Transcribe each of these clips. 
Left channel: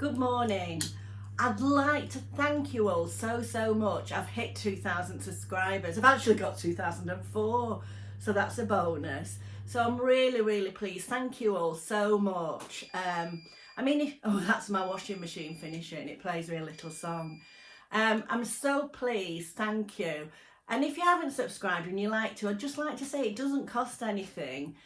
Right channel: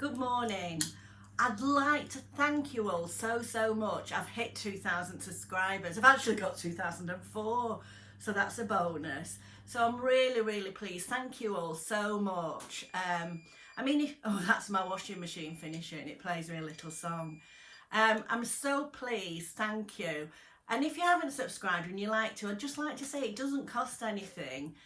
Good morning. I'd like to thank you all so much. I've hit 2,000 subscribers. I've actually got 2,004, so that's a bonus. So I'm really pleased. Thank you all so much. I mean, that's my washing machine finishing. It plays me a little song. I'm so pleased. Thank you. And if you haven't subscribed and you like to, I'd just like to say it doesn't cost anything.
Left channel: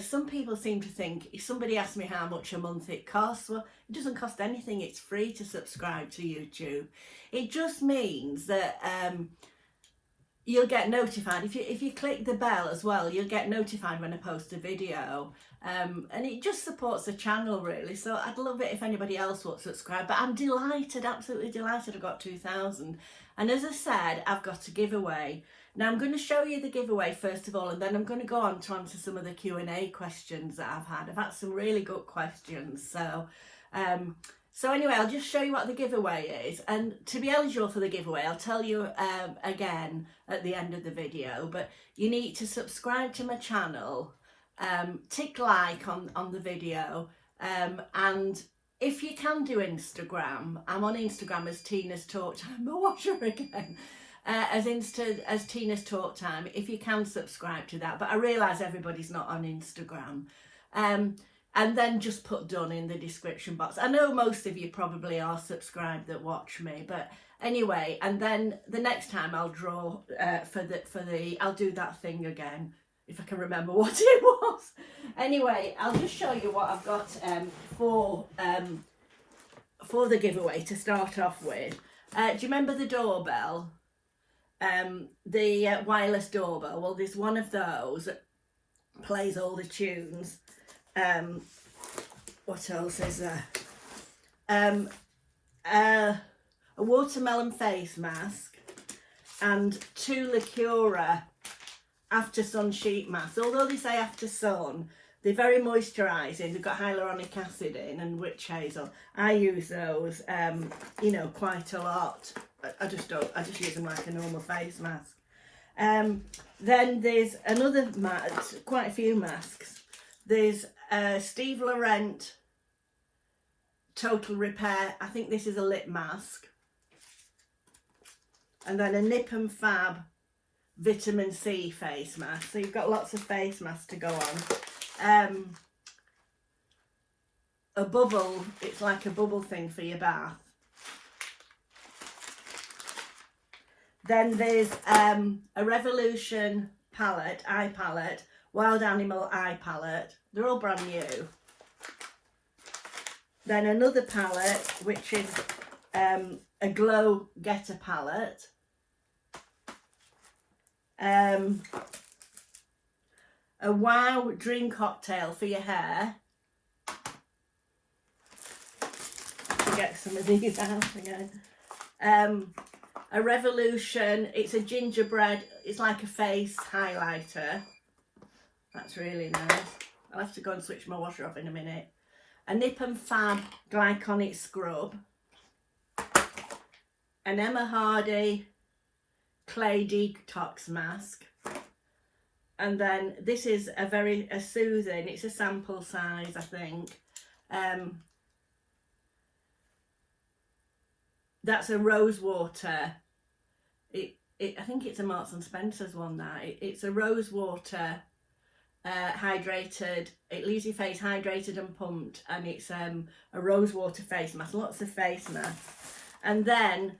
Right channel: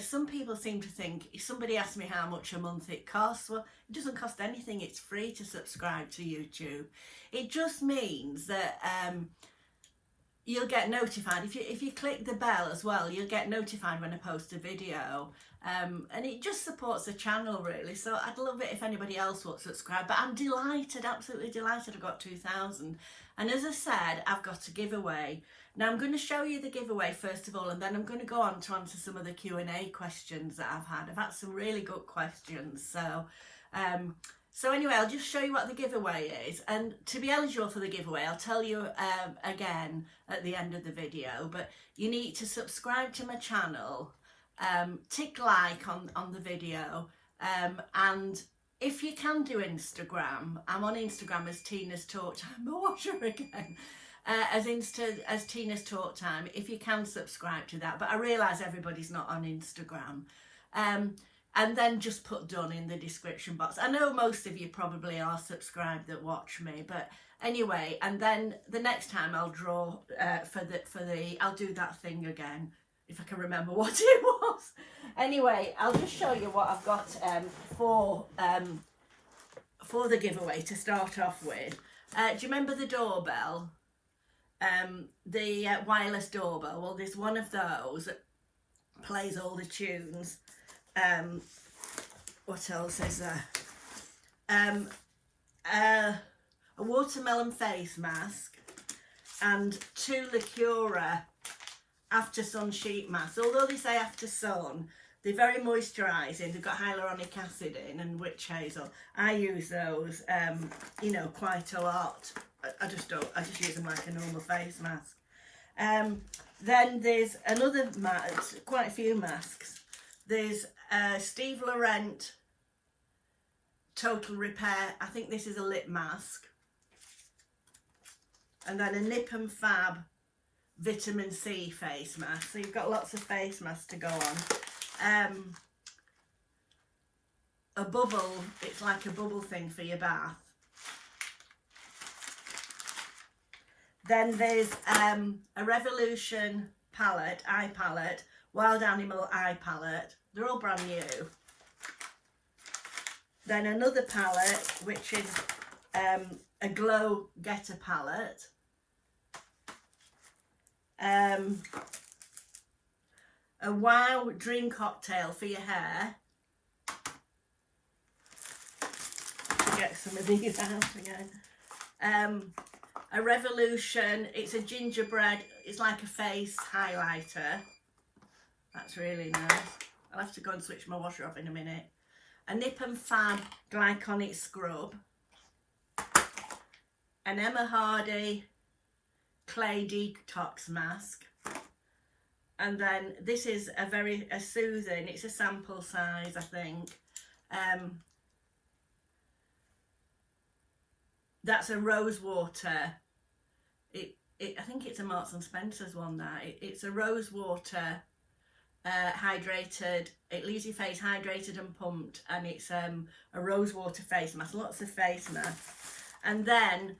Some people seem to think, if somebody asks me how much a month it costs, well, it doesn't cost anything. It's free to subscribe to YouTube. It just means that you'll get notified. If you click the bell as well, you'll get notified when I post a video. And it just supports the channel really. So I'd love it if anybody else would subscribe. But I'm delighted, absolutely delighted I've got 2,000. And as I said, I've got a giveaway. Now I'm going to show you the giveaway first of all, and then I'm going to go on to answer some of the Q&A questions that I've had. I've had some really good questions. So anyway, I'll just show you what the giveaway is. And to be eligible for the giveaway, I'll tell you again at the end of the video, but you need to subscribe to my channel, tick like on the video, and if you can do Instagram, I'm on Instagram as Tina's Talk Time. I watch her again. As Tina's Talk Time, if you can subscribe to that. But I realise everybody's not on Instagram. And then just put done in the description box. I know most of you probably are subscribed that watch me, but anyway, and then the next time I'll draw I'll do that thing again, if I can remember what it was. Anyway, I'll just show you what I've got for the giveaway to start off with. Do you remember the doorbell? The wireless doorbell? Well, there's one of those that plays all the tunes. What else is there? A watermelon face mask and 2 Liquora after sun sheet masks. Although they say after sun, they're very moisturising. They've got hyaluronic acid in and witch hazel. I use those, you know, quite a lot. I just use them like a normal face mask. Then there's another mask, quite a few masks. There's Steve Laurent Total Repair. I think this is a lip mask. And then a Nip and Fab Vitamin C face mask. So you've got lots of face masks to go on. A bubble, it's like a bubble thing for your bath. Then there's a Revolution palette, eye palette, Wild Animal eye palette. They're all brand new. Then another palette, which is a Glow Getter palette. A Wow Dream Cocktail for your hair. To get some of these out again. A Revolution, it's a gingerbread, it's like a face highlighter. That's really nice. I'll have to go and switch my washer off in a minute. A Nip and Fab Glyconic Scrub. An Emma Hardy Clay Detox Mask. And then this is a soothing, it's a sample size, I think. That's a rose water. I think it's a Marks and Spencer's one now. It's a rose water hydrated. It leaves your face hydrated and pumped, and it's a rose water face mask. Lots of face masks. And then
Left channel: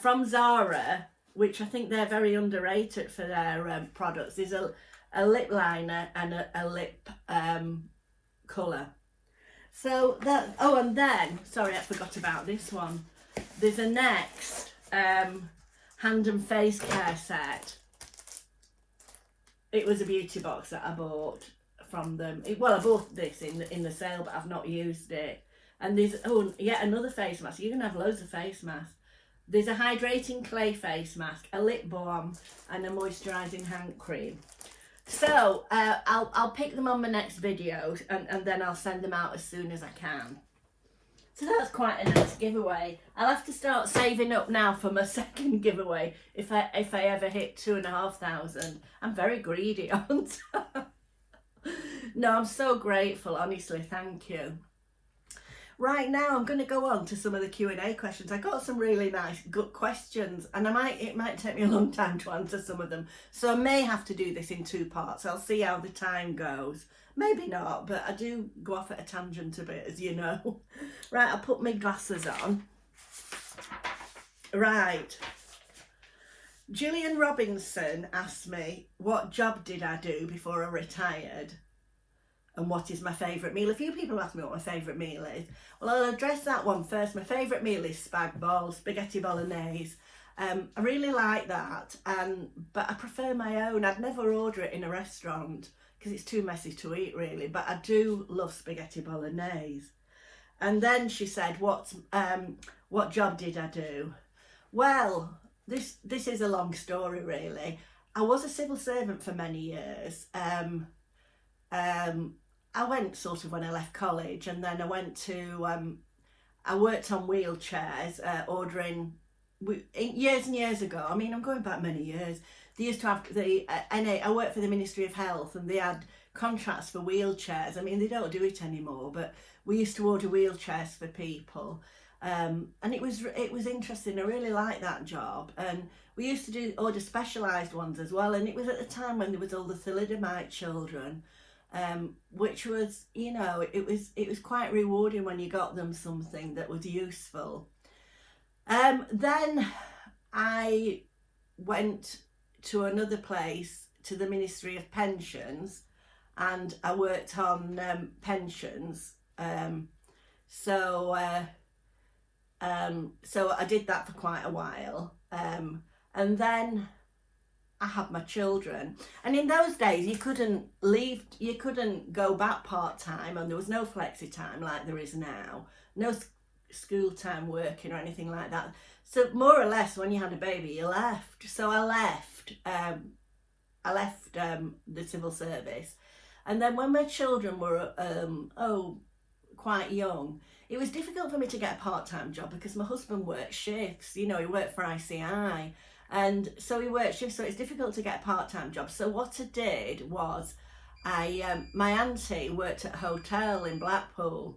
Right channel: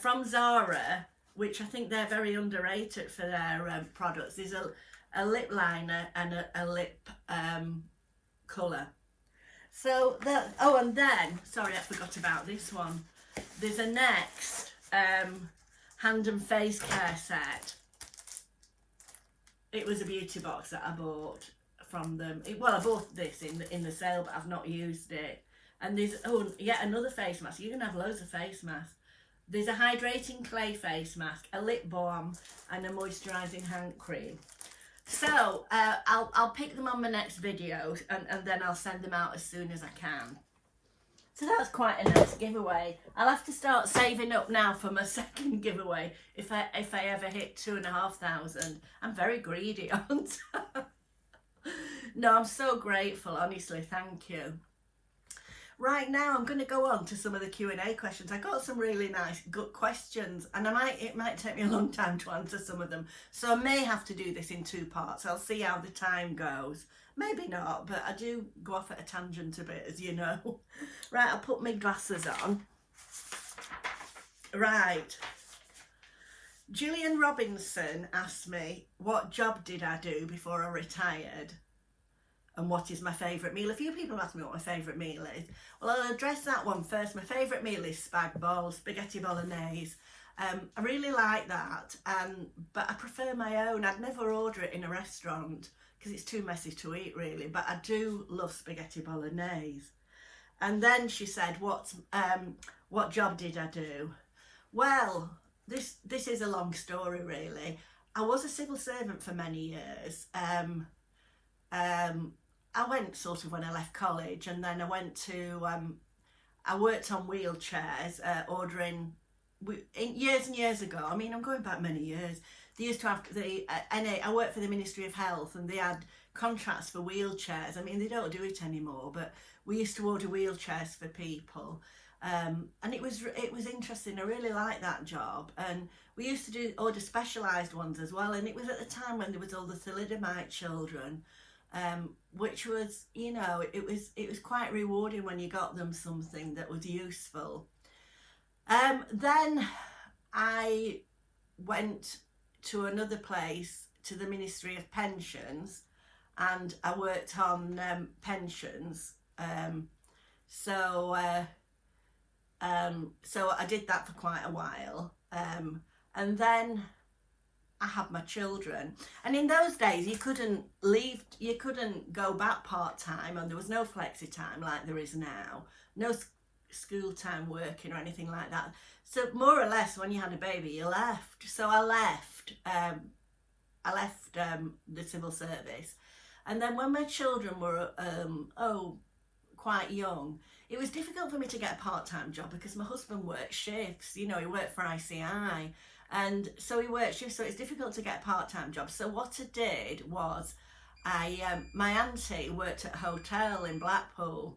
from Zara, which I think they're very underrated for their products, there's a lip liner and a lip colour. So that, oh, and then sorry, I forgot about this one. There's a Next hand and face care set. It was a beauty box that I bought from them. Well, I bought this in the sale, but I've not used it. And there's, oh, yet another face mask. You're going to have loads of face masks. There's a hydrating clay face mask, a lip balm, and a moisturising hand cream. So I'll pick them on my next video, and then I'll send them out as soon as I can. So that's quite a nice giveaway. I'll have to start saving up now for my second giveaway if I ever hit 2,500. I'm very greedy, aren't I? No, I'm so grateful, honestly, thank you. Right now I'm going to go on to some of the Q&A questions. I got some really nice, good questions, and it might take me a long time to answer some of them. So I may have to do this in 2 parts. I'll see how the time goes. Maybe not, but I do go off at a tangent a bit, as you know. Right, I'll put my glasses on. Right. Gillian Robinson asked me, what job did I do before I retired? And what is my favourite meal? A few people ask me what my favourite meal is. Well, I'll address that one first. My favourite meal is spaghetti bolognese. I really like that, but I prefer my own. I'd never order it in a restaurant because it's too messy to eat, really. But I do love spaghetti bolognese. And then she said, what job did I do? Well, this is a long story, really. I was a civil servant for many years. I went sort of when I left college, and then I went to, I worked on wheelchairs, ordering, years and years ago. I mean, I'm going back many years. They used to have I worked for the Ministry of Health, and they had contracts for wheelchairs. I mean, they don't do it anymore, but we used to order wheelchairs for people. And it was interesting. I really liked that job. And we used to order specialised ones as well. And it was at the time when there was all the thalidomide children. Which was, you know, it was quite rewarding when you got them something that was useful. Then I went to another place, to the Ministry of Pensions, and I worked on pensions. So I did that for quite a while, and then I had my children, and in those days you couldn't go back part-time, and there was no flexi time like there is now, no school time working or anything like that. So more or less when you had a baby you left. So I left the civil service, and then when my children were quite young, it was difficult for me to get a part-time job because my husband worked shifts. You know, he worked for ICI. And so he worked shifts, so it's difficult to get a part-time job. So what I did was, my auntie worked at a hotel in Blackpool.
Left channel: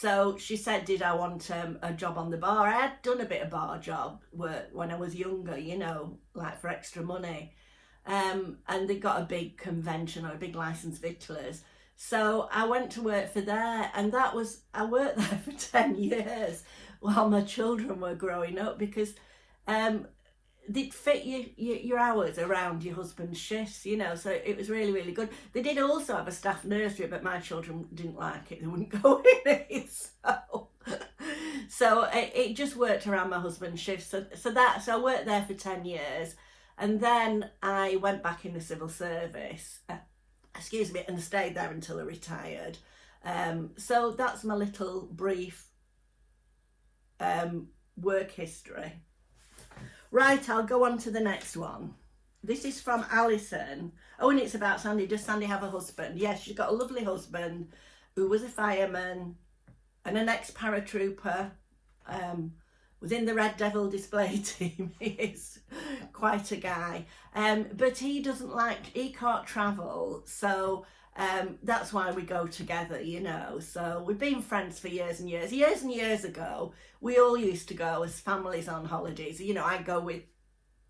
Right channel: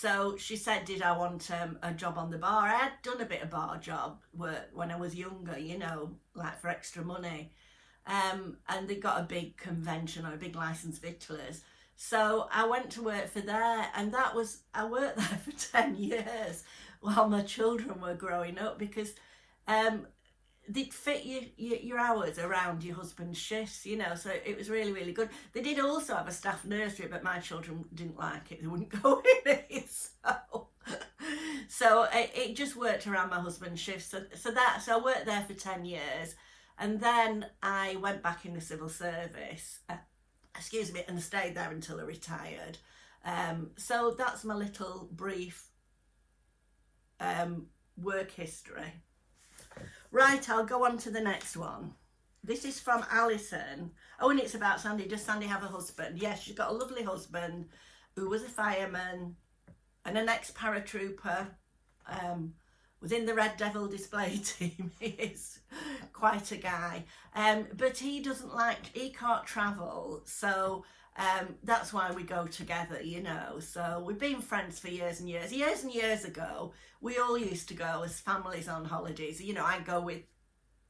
So she said, did I want a job on the bar? I had done a bit of bar job work when I was younger, you know, like for extra money. And they got a big convention, or a big licensed victuallers. So I went to work for there, and I worked there for 10 years while my children were growing up, because they'd fit your hours around your husband's shifts, you know, so it was really, really good. They did also have a staff nursery, but my children didn't like it. They wouldn't go in it, so it just worked around my husband's shifts. So I worked there for 10 years, and then I went back in the civil service, and stayed there until I retired. So that's my little brief work history. Right, I'll go on to the next one. This is from Alison. Oh, and it's about Sandy. Does Sandy have a husband? Yes, she's got a lovely husband who was a fireman and an ex-paratrooper, was in the Red Devil display team. He is quite a guy. But he can't travel, so that's why we go together, you know. So we've been friends for years and years. Years and years ago, we all used to go as families on holidays. You know, I go with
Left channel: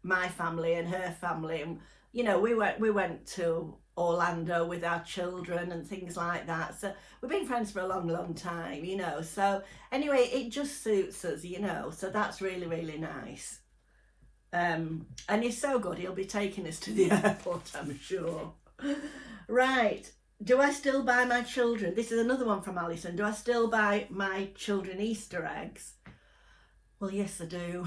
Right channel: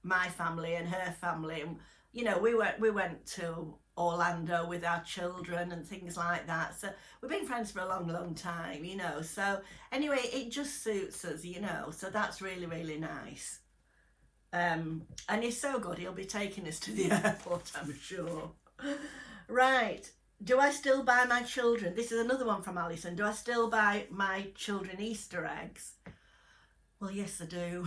my family and her family, and you know, we went to Orlando with our children and things like that. So we've been friends for a long, long time, you know. So anyway, it just suits us, you know. So that's really, really nice. And he's so good. He'll be taking us to the airport, I'm sure. Right. Do I still buy my children? This is another one from Alison. Do I still buy my children Easter eggs? Well, yes, I do.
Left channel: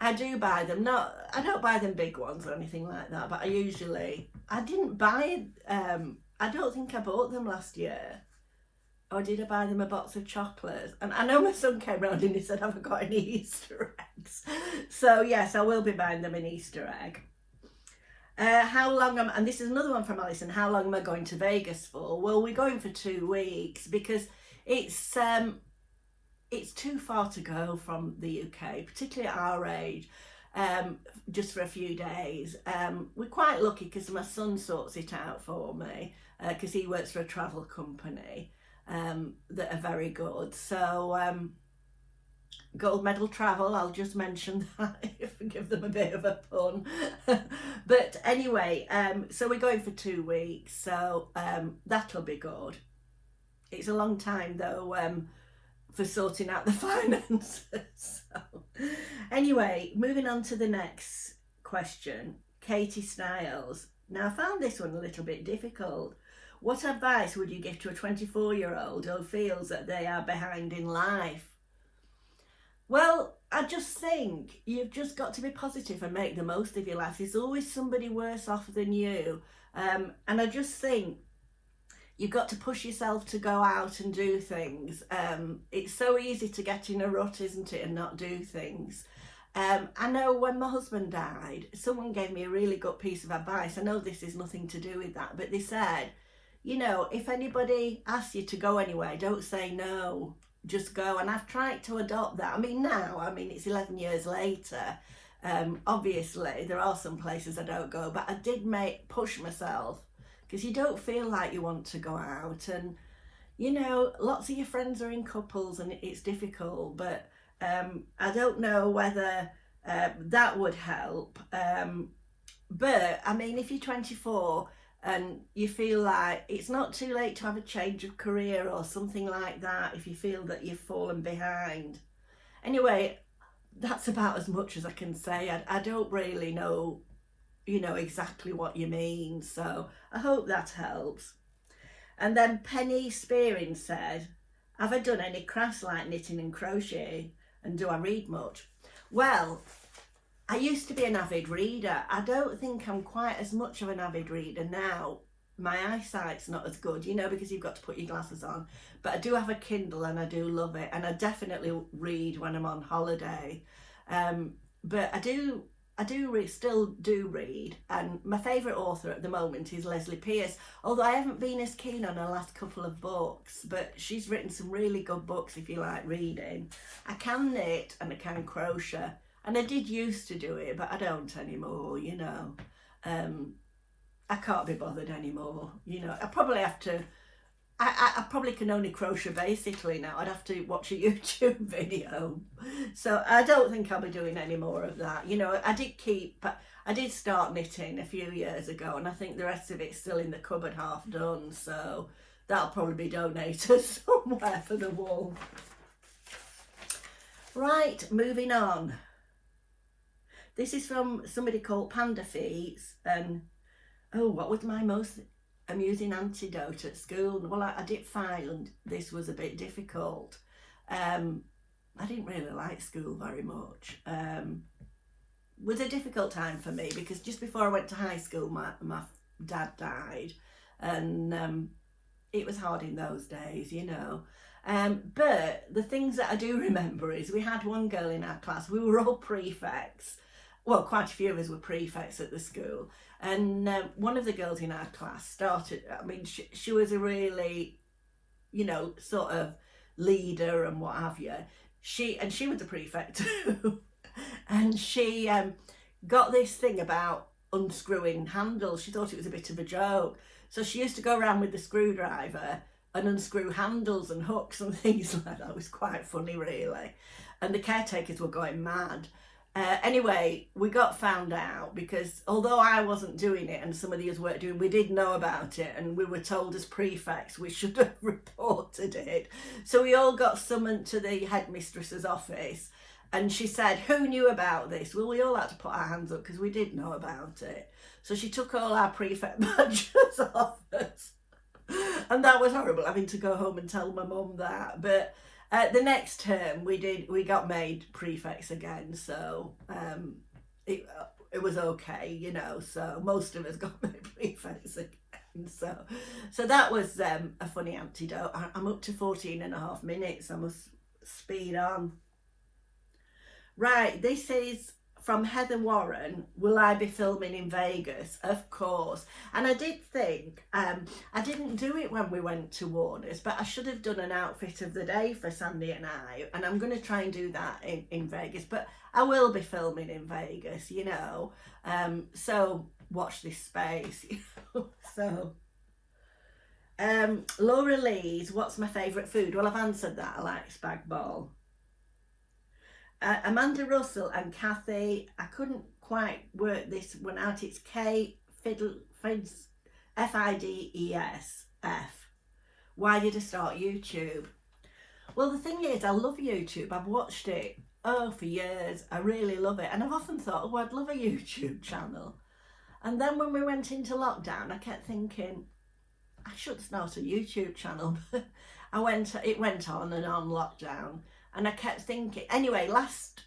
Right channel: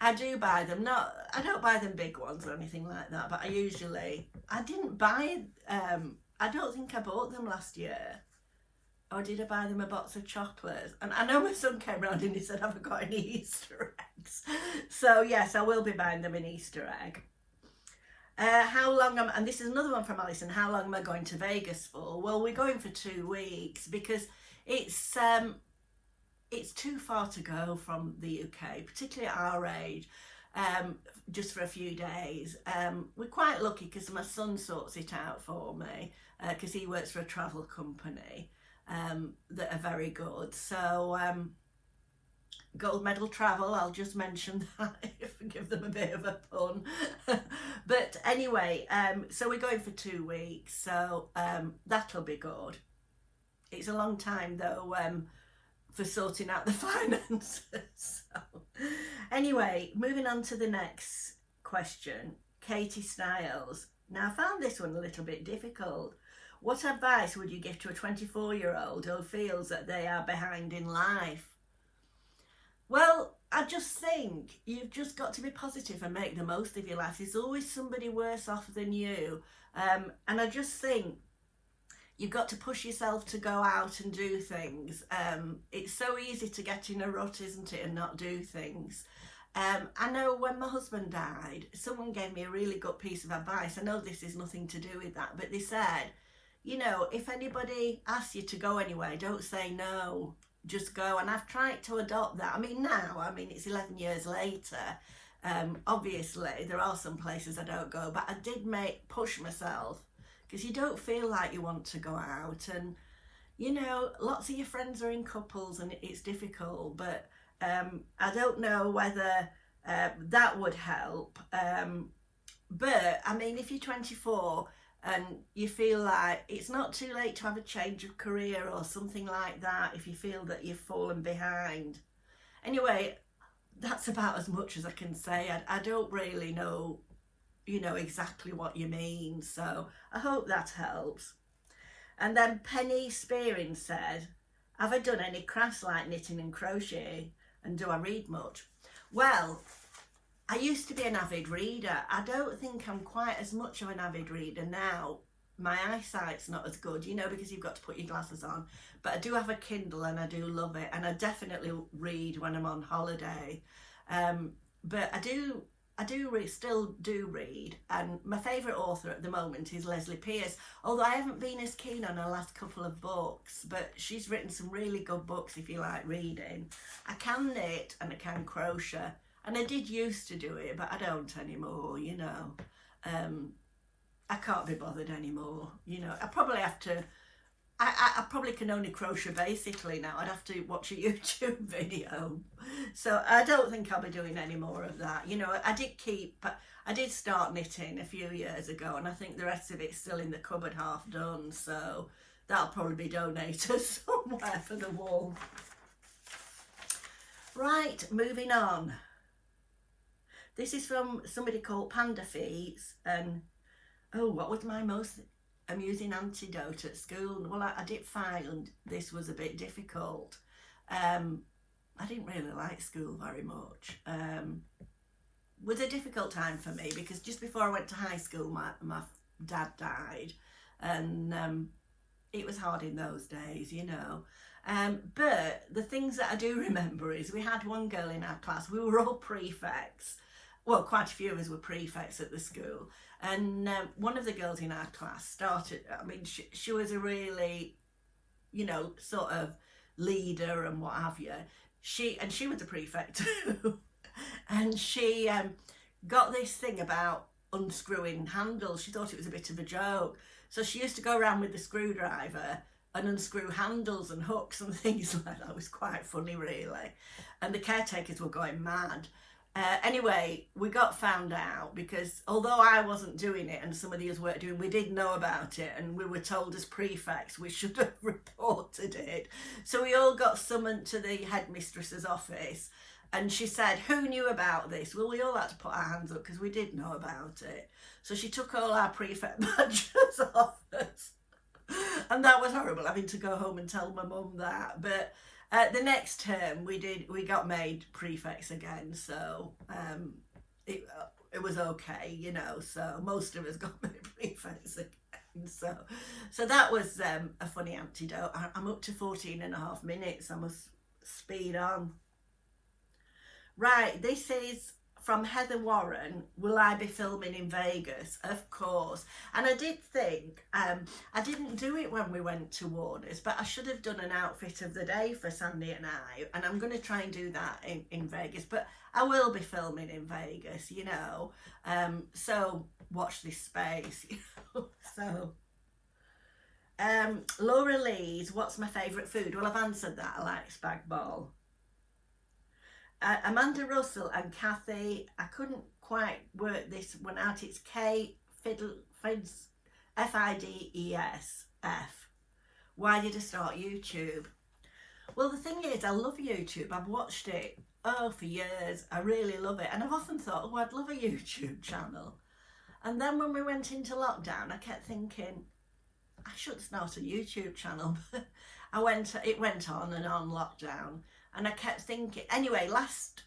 I do buy them. I don't buy them big ones or anything like that, but I didn't buy, I don't think I bought them last year. Or did I buy them a box of chocolates? And I know my son came round and he said, have I got any Easter eggs? So yes, I will be buying them an Easter egg. And this is another one from Alison, how long am I going to Vegas for? Well, we're going for 2 weeks because it's too far to go from the UK, particularly at our age, just for a few days. We're quite lucky because my son sorts it out for me, because he works for a travel company. that are very good. So gold medal travel, I'll just mention that if I give them a bit of a pun. But anyway, so we're going for 2 weeks, so that'll be good. It's a long time though for sorting out the finances. So anyway, moving on to the next question. Katie Styles. Now I found this one a little bit difficult. What advice would you give to a 24-year-old who feels that they are behind in life? Well, I just think you've just got to be positive and make the most of your life. There's always somebody worse off than you. And I just think you've got to push yourself to go out and do things. It's so easy to get in a rut, isn't it, and not do things. I know when my husband died, someone gave me a really good piece of advice. I know this is nothing to do with that, but they said, you know, if anybody asks you to go anywhere, don't say no. Just go. And I've tried to adopt that. I mean, it's 11 years later. Obviously there are some places I don't go, but I did push myself, because you don't feel like you want to go out, and you know, lots of your friends are in couples and it's difficult. But I don't know whether that would help. But I mean, if you're 24 and you feel like it's not too late to have a change of career or something like that, if you feel that you've fallen behind. Anyway, that's about as much as I can say. I don't really know, you know, exactly what you mean, so I hope that helps. And then Penny Spearing said, have I done any crafts like knitting and crochet, and do I read much? Well, I used to be an avid reader. I don't think I'm quite as much of an avid reader now. My eyesight's not as good, you know, because you've got to put your glasses on. But I do have a Kindle and I do love it. And I definitely read when I'm on holiday. But still do read. And my favourite author at the moment is Leslie Pierce. Although I haven't been as keen on her last couple of books. But she's written some really good books if you like reading. I can knit and I can crochet. And I did used to do it, but I don't anymore, you know. I can't be bothered anymore, you know. I probably have to, I probably can only crochet basically now. I'd have to watch a YouTube video. So I don't think I'll be doing any more of that. You know, I did start knitting a few years ago, and I think the rest of it's still in the cupboard half done. So that'll probably be donated somewhere for the wall. Right, moving on. This is from somebody called Panda Feets, and oh, what was my most amusing antidote at school? Well, I did find this was a bit difficult. I didn't really like school very much. It was a difficult time for me because just before I went to high school, my dad died, and it was hard in those days, you know. But the things that I do remember is we had one girl in our class. We were all prefects. Well, quite a few of us were prefects at the school, and one of the girls in our class started, I mean, she was a really, you know, sort of leader and what have you. She was a prefect too. And she got this thing about unscrewing handles. She thought it was a bit of a joke. So she used to go around with the screwdriver and unscrew handles and hooks and things like that. It was quite funny, really. And the caretakers were going mad. Anyway, we got found out because although I wasn't doing it and some of the others weren't doing, we did know about it, and we were told as prefects we should have reported it. So we all got summoned to the headmistress's office, and she said, who knew about this? Well, we all had to put our hands up because we did know about it. So she took all our prefect badges off us, and that was horrible, having to go home and tell my mum that. But the next term we got made prefects again, so it was okay, you know. So most of us got made prefects again. So that was a funny antidote. I'm up to 14.5 minutes. I must speed on. Right, this is from Heather Warren. Will I be filming in Vegas? Of course. And I did think, I didn't do it when we went to Warner's, but I should have done an outfit of the day for Sandy and I, and I'm going to try and do that in Vegas. But I will be filming in Vegas, you know. So watch this space. So Laura Lee's, what's my favourite food? Well, I've answered that. I like spag bol. Amanda Russell and Kathy, I couldn't quite work this one out. It's Fides, F-I-D-E-S-F. Why did I start YouTube? Well, the thing is, I love YouTube. I've watched it, for years. I really love it. And I've often thought, oh, I'd love a YouTube channel. And then when we went into lockdown, I kept thinking, I should start a YouTube channel. It went on and on lockdown. And I kept thinking, anyway, last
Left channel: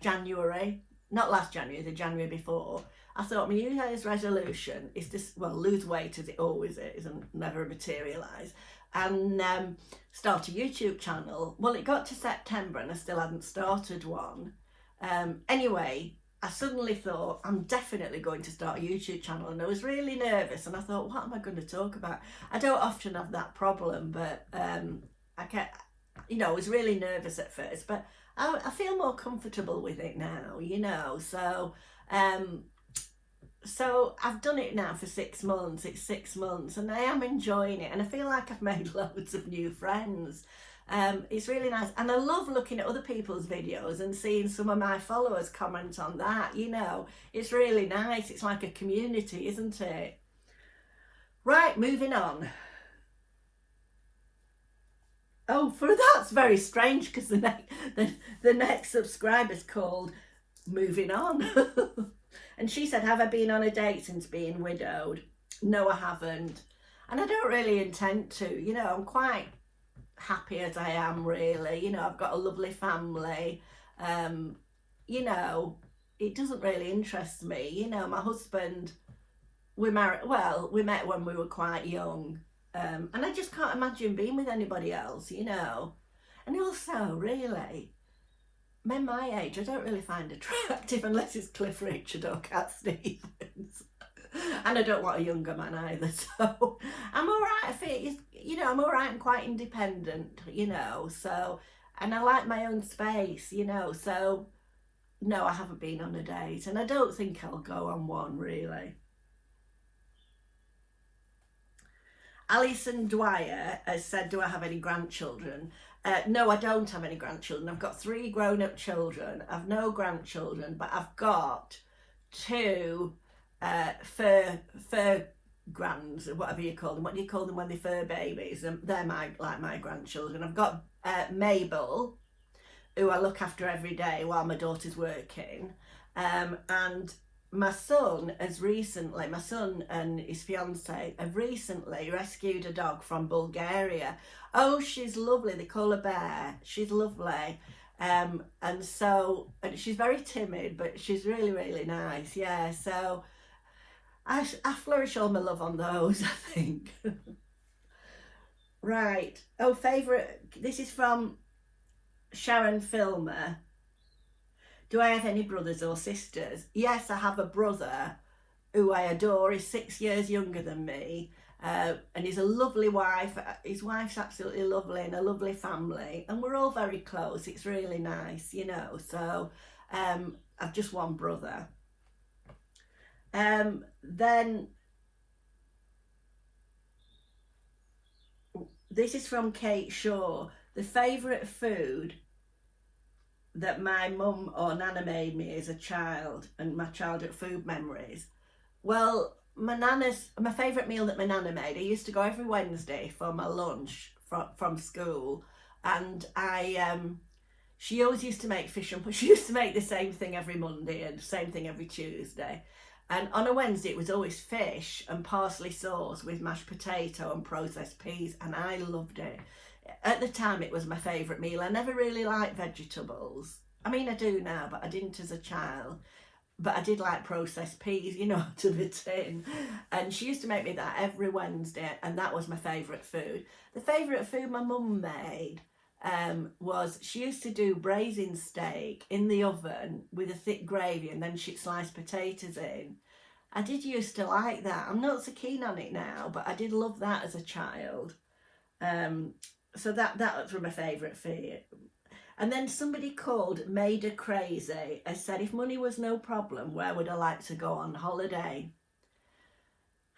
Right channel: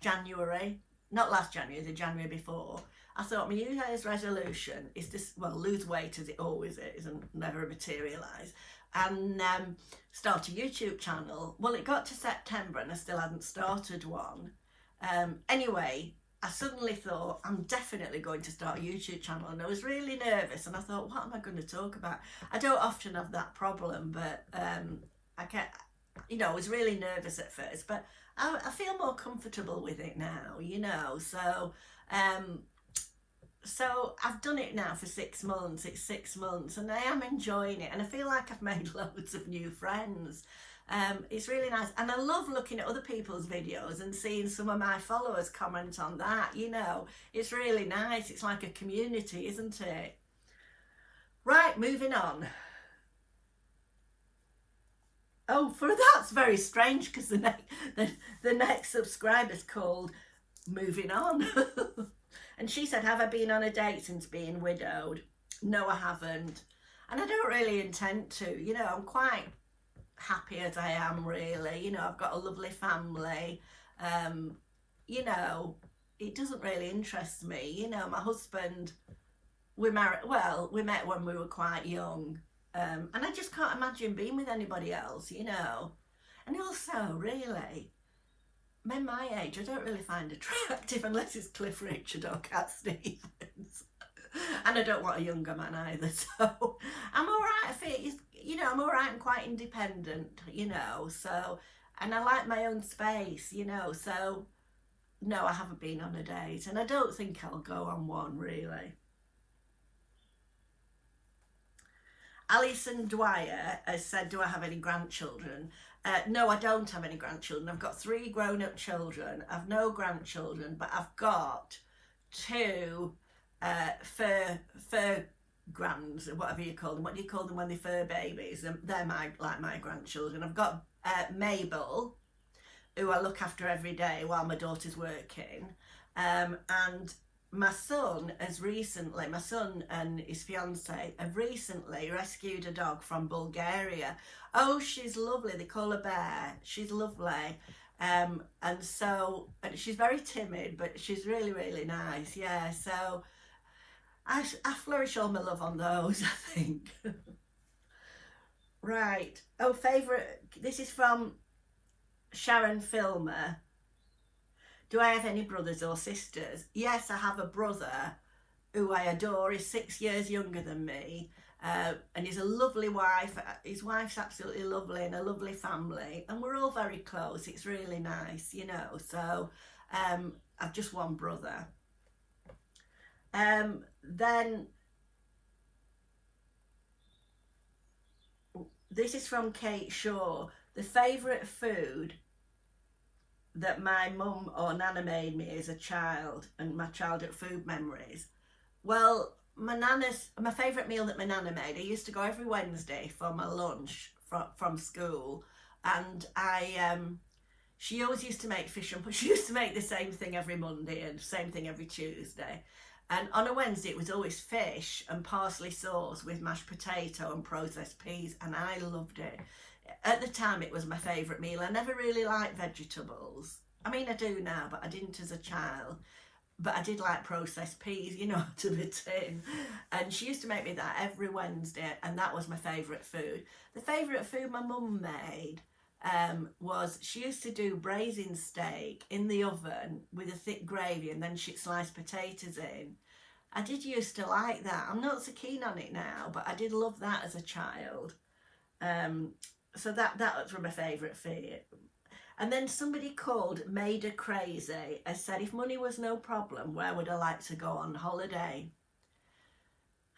January, not last January, the January before, I thought my New Year's resolution is to, well, lose weight as it always is and never materialise, and start a YouTube channel. Well, it got to September and I still hadn't started one. Anyway, I suddenly thought, I'm definitely going to start a YouTube channel, and I was really nervous, and I thought, what am I going to talk about? I don't often have that problem, but I kept, you know, I was really nervous at first, but I feel more comfortable with it now, you know. So I've done it now for 6 months. It's 6 months and I am enjoying it, and I feel like I've made loads of new friends. It's really nice, and I love looking at other people's videos and seeing some of my followers comment on that, you know. It's really nice. It's like a community, isn't it? Right, moving on. Oh, that's very strange, because the next subscriber's called Moving On. And she said, have I been on a date since being widowed? No, I haven't. And I don't really intend to. You know, I'm quite happy as I am, really. You know, I've got a lovely family. You know, it doesn't really interest me. You know, my husband, we met when we were quite young. And I just can't imagine being with anybody else, you know. And also, really, men my age I don't really find attractive unless it's Cliff Richard or Cat Stevens. And I don't want a younger man either, so I'm all right. I feel, you know, I'm all right and quite independent, you know, so, and I like my own space, you know, so no, I haven't been on a date, and I don't think I'll go on one, really. Alison Dwyer has said, do I have any grandchildren? No, I don't have any grandchildren. I've got 3 grown-up children. I've no grandchildren, but I've got 2 fur grands, whatever you call them. What do you call them when they're fur babies? They're like my grandchildren. I've got Mabel, who I look after every day while my daughter's working, and my son and his fiance have recently rescued a dog from Bulgaria. Oh, she's lovely. They call her Bear. She's lovely. And she's very timid, but she's really, really nice. Yeah, so I flourish all my love on those, I think. Right. Oh, favourite. This is from Sharon Filmer. Do I have any brothers or sisters? Yes, I have a brother who I adore. He's 6 years younger than me, and he's a lovely wife. His wife's absolutely lovely, and a lovely family, and we're all very close. It's really nice, you know. So I've just one brother. Then this is from Kate Shaw. The favourite food that my mum or nana made me as a child, and my childhood food memories. Well, my favourite meal that my nana made, I used to go every Wednesday for my lunch from school, and she always used to make fish and she used to make the same thing every Monday and the same thing every Tuesday. And on a Wednesday it was always fish and parsley sauce with mashed potato and processed peas, and I loved it. At the time it was my favourite meal. I never really liked vegetables. I mean, I do now, but I didn't as a child. But I did like processed peas, you know, to the tin. And she used to make me that every Wednesday, and that was my favourite food. The favourite food my mum made was, she used to do braising steak in the oven with a thick gravy, and then she'd slice potatoes in. I did used to like that. I'm not so keen on it now, but I did love that as a child. So that was my favourite food. And then somebody called Maida Crazy and said, if money was no problem, where would I like to go on holiday?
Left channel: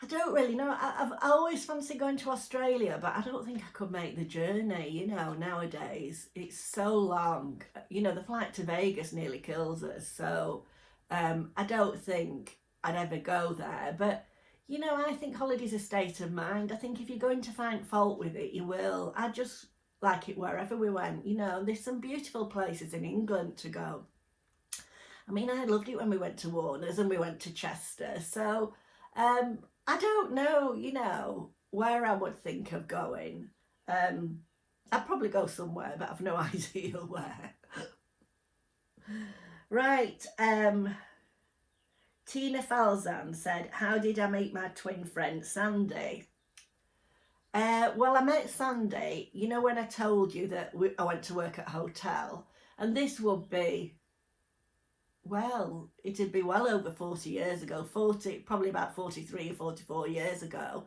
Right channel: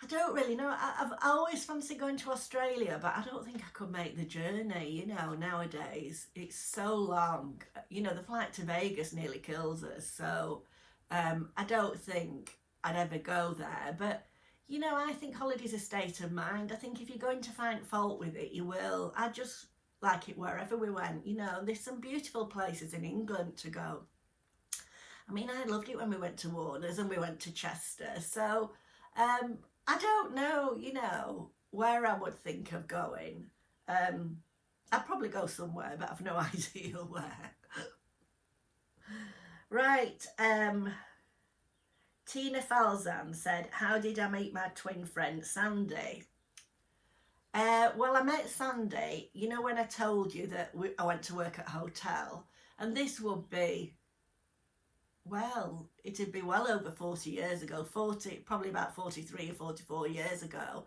I don't really know. I've always fancied going to Australia, but I don't think I could make the journey, you know, nowadays. It's so long. You know, the flight to Vegas nearly kills us. So I don't think I'd ever go there. But, you know, I think holiday's a state of mind. I think if you're going to find fault with it, you will. I just like it wherever we went. You know, there's some beautiful places in England to go. I mean, I loved it when we went to Warner's and we went to Chester. So I don't know, you know, where I would think of going. I'd probably go somewhere, but I've no idea where. Right. Tina Falzan said, how did I meet my twin friend Sandy? Well, I met Sandy, you know, when I told you that I went to work at a hotel, and this would be, well, it'd be well over 40 years ago, probably about 43 or 44 years ago.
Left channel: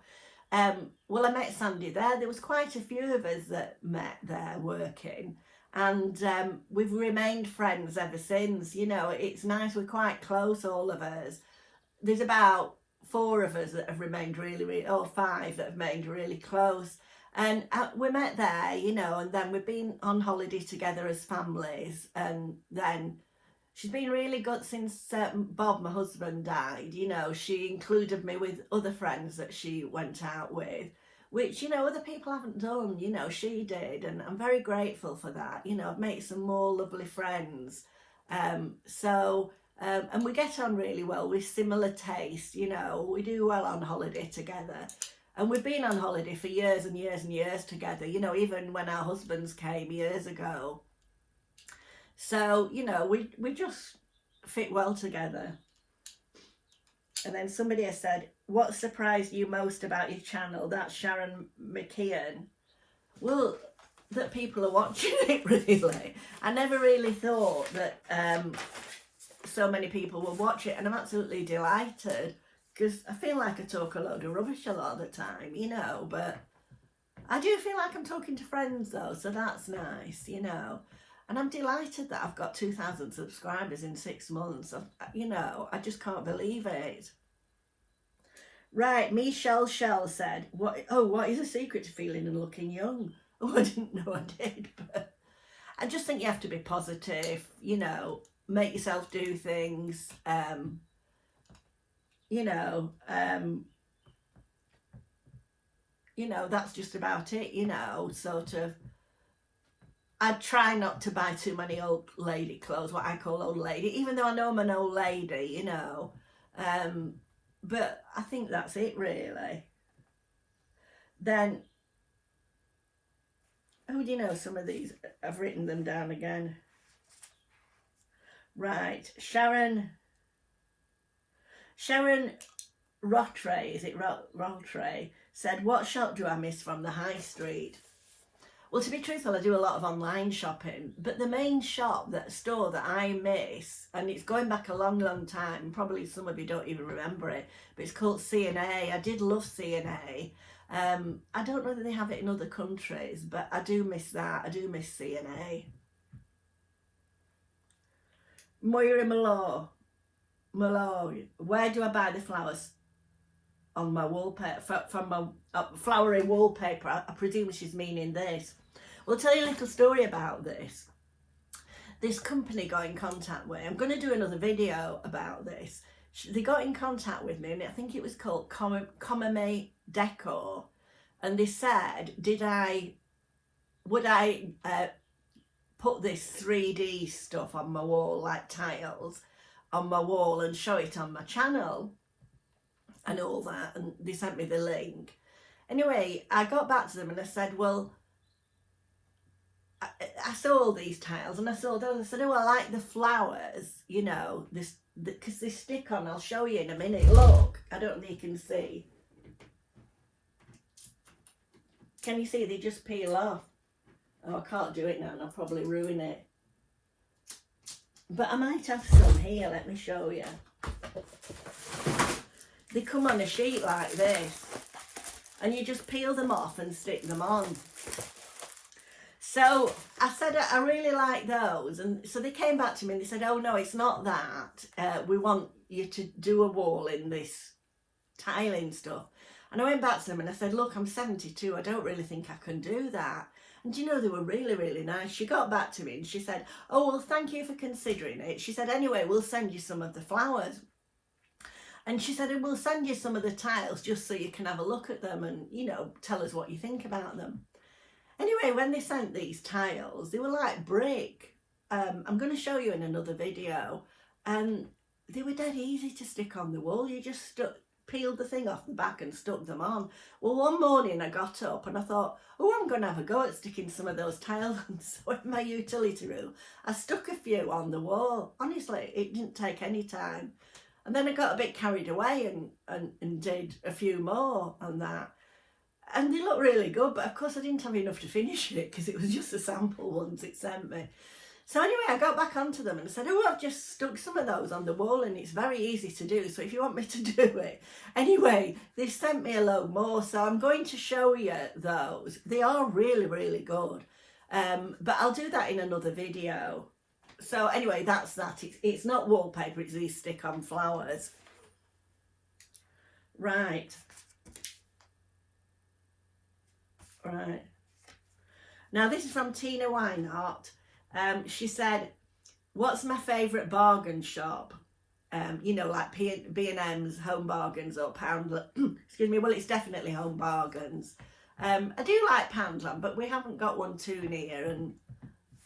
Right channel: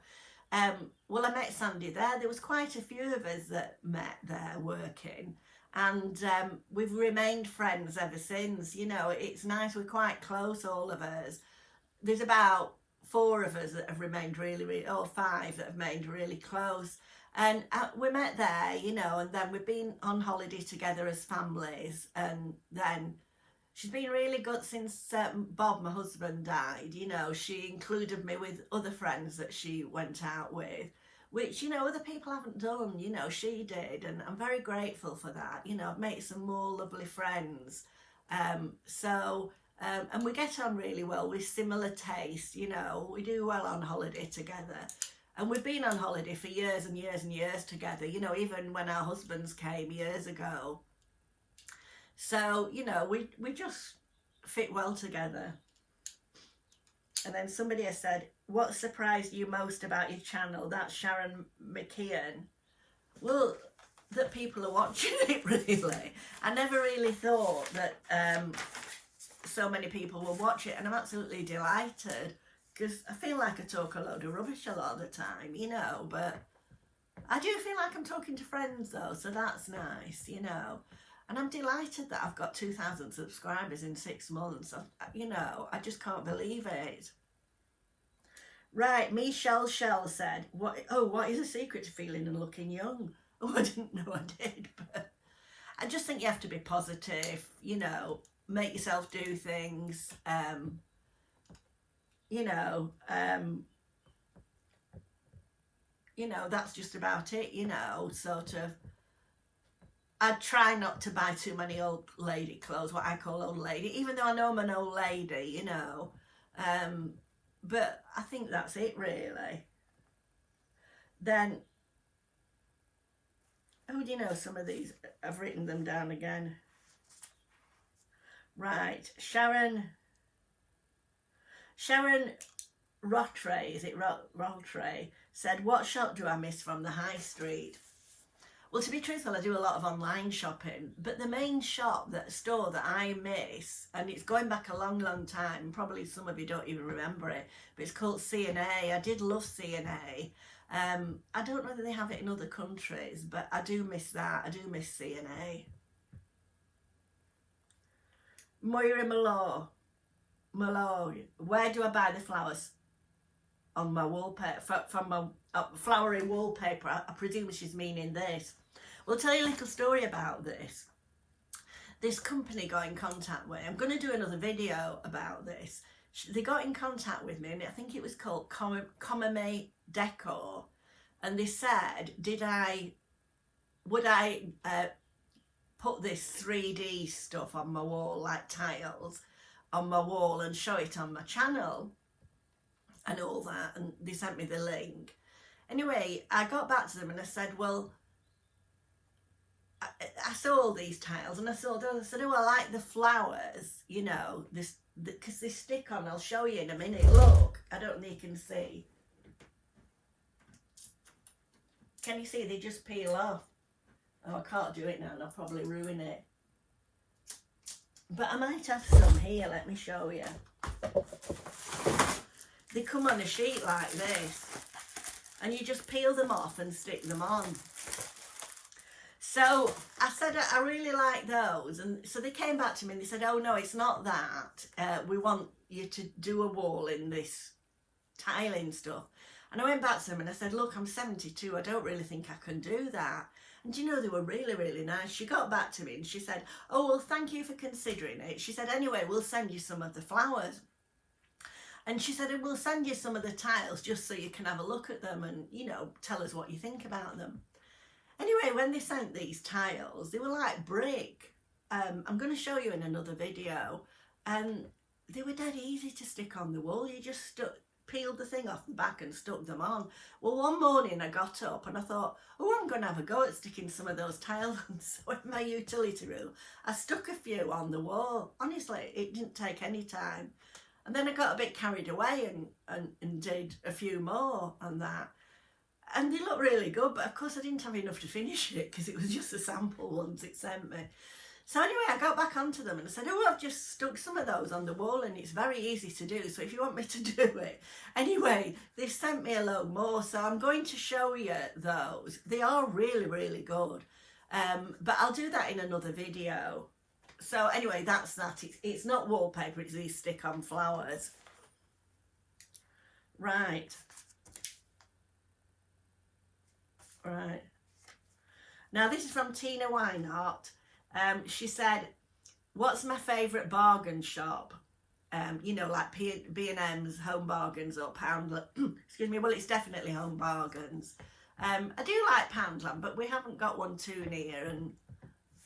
Well, I met Sandy there. There was quite a few of us that met there working, and we've remained friends ever since. You know, it's nice. We're quite close, all of us. There's about 4 of us that have remained really, or 5 that have remained really close. And we met there, you know, and then we've been on holiday together as families, and then she's been really good since Bob, my husband, died. You know, she included me with other friends that she went out with, which, you know, other people haven't done. You know, she did, and I'm very grateful for that. You know, I've made some more lovely friends. And we get on really well with similar tastes. You know, we do well on holiday together. And we've been on holiday for years and years and years together, you know, even when our husbands came years ago. So, you know, we just fit well together. And then somebody has said, what surprised you most about your channel? That's Sharon McKeon. Well, that people are watching it, really. I never really thought that so many people will watch it, and I'm absolutely delighted, because I feel like I talk a load of rubbish a lot of the time, you know, but I do feel like I'm talking to friends though, so that's nice, you know. And I'm delighted that I've got 2,000 subscribers in 6 months. You know, I just can't believe it. Right, Michelle Shell said, what is the secret to feeling and looking young? Oh, I didn't know I did, but I just think you have to be positive, you know, make yourself do things, you know, that's just about it, you know, sort of. I try not to buy too many old lady clothes, what I call old lady, even though I know I'm an old lady, you know. But I think that's it, really. Then, oh, do you know some of these? I've written them down again. Right, Sharon Rottray, is it Rottray, said, what shop do I miss from the high street? Well, to be truthful, I do a lot of online shopping, but the main store that I miss, and it's going back a long, long time, probably some of you don't even remember it, but it's called C&A. I did love C&A. I don't know that they have it in other countries, but I do miss that. I do miss C&A. Moira Mallow, where do I buy the flowers? On my wallpaper, from my flowery wallpaper. I presume she's meaning this. Well, I'll tell you a little story about this. This company got in contact with me. I'm going to do another video about this. They got in contact with me, and I think it was called Comame Decor, and they said, would I put this 3D stuff on my wall, like tiles on my wall, and show it on my channel and all that, and they sent me the link. Anyway, I got back to them and I said, well, I saw all these tiles and I saw those. I said, oh, I like the flowers, you know, because they stick on. I'll show you in a minute. Look, I don't know if you can see. Can you see? They just peel off. Oh, I can't do it now, and I'll probably ruin it. But I might have some here. Let me show you. They come on a sheet like this, and you just peel them off and stick them on. So I said, I really like those. And so they came back to me and they said, oh no, it's not that. We want you to do a wall in this tiling stuff. And I went back to them and I said, look, I'm 72, I don't really think I can do that. And you know, they were really, really nice. She got back to me and she said, oh, well, thank you for considering it. She said, anyway, we'll send you some of the flowers. And she said, and we'll send you some of the tiles just so you can have a look at them and, you know, tell us what you think about them. Anyway, when they sent these tiles, they were like brick. I'm going to show you in another video. And they were dead easy to stick on the wall. You just peeled the thing off the back and stuck them on. Well, one morning I got up and I thought, oh, I'm going to have a go at sticking some of those tiles on. So in my utility room, I stuck a few on the wall. Honestly, it didn't take any time. And then I got a bit carried away and did a few more on that. And they look really good, but of course I didn't have enough to finish it because it was just the sample ones it sent me. So anyway, I got back onto them and I said, oh, I've just stuck some of those on the wall and it's very easy to do. So if you want me to do it. Anyway, they've sent me a load more. So I'm going to show you those. They are really, really good. But I'll do that in another video. So anyway, that's that. It's not wallpaper, it's these stick-on flowers. Right. Now this is from Tina Weinhardt. She said, what's my favourite bargain shop? You know, like B&M's, Home Bargains or Poundland. Excuse me, well, it's definitely Home Bargains. I do like Poundland, but we haven't got one too near. And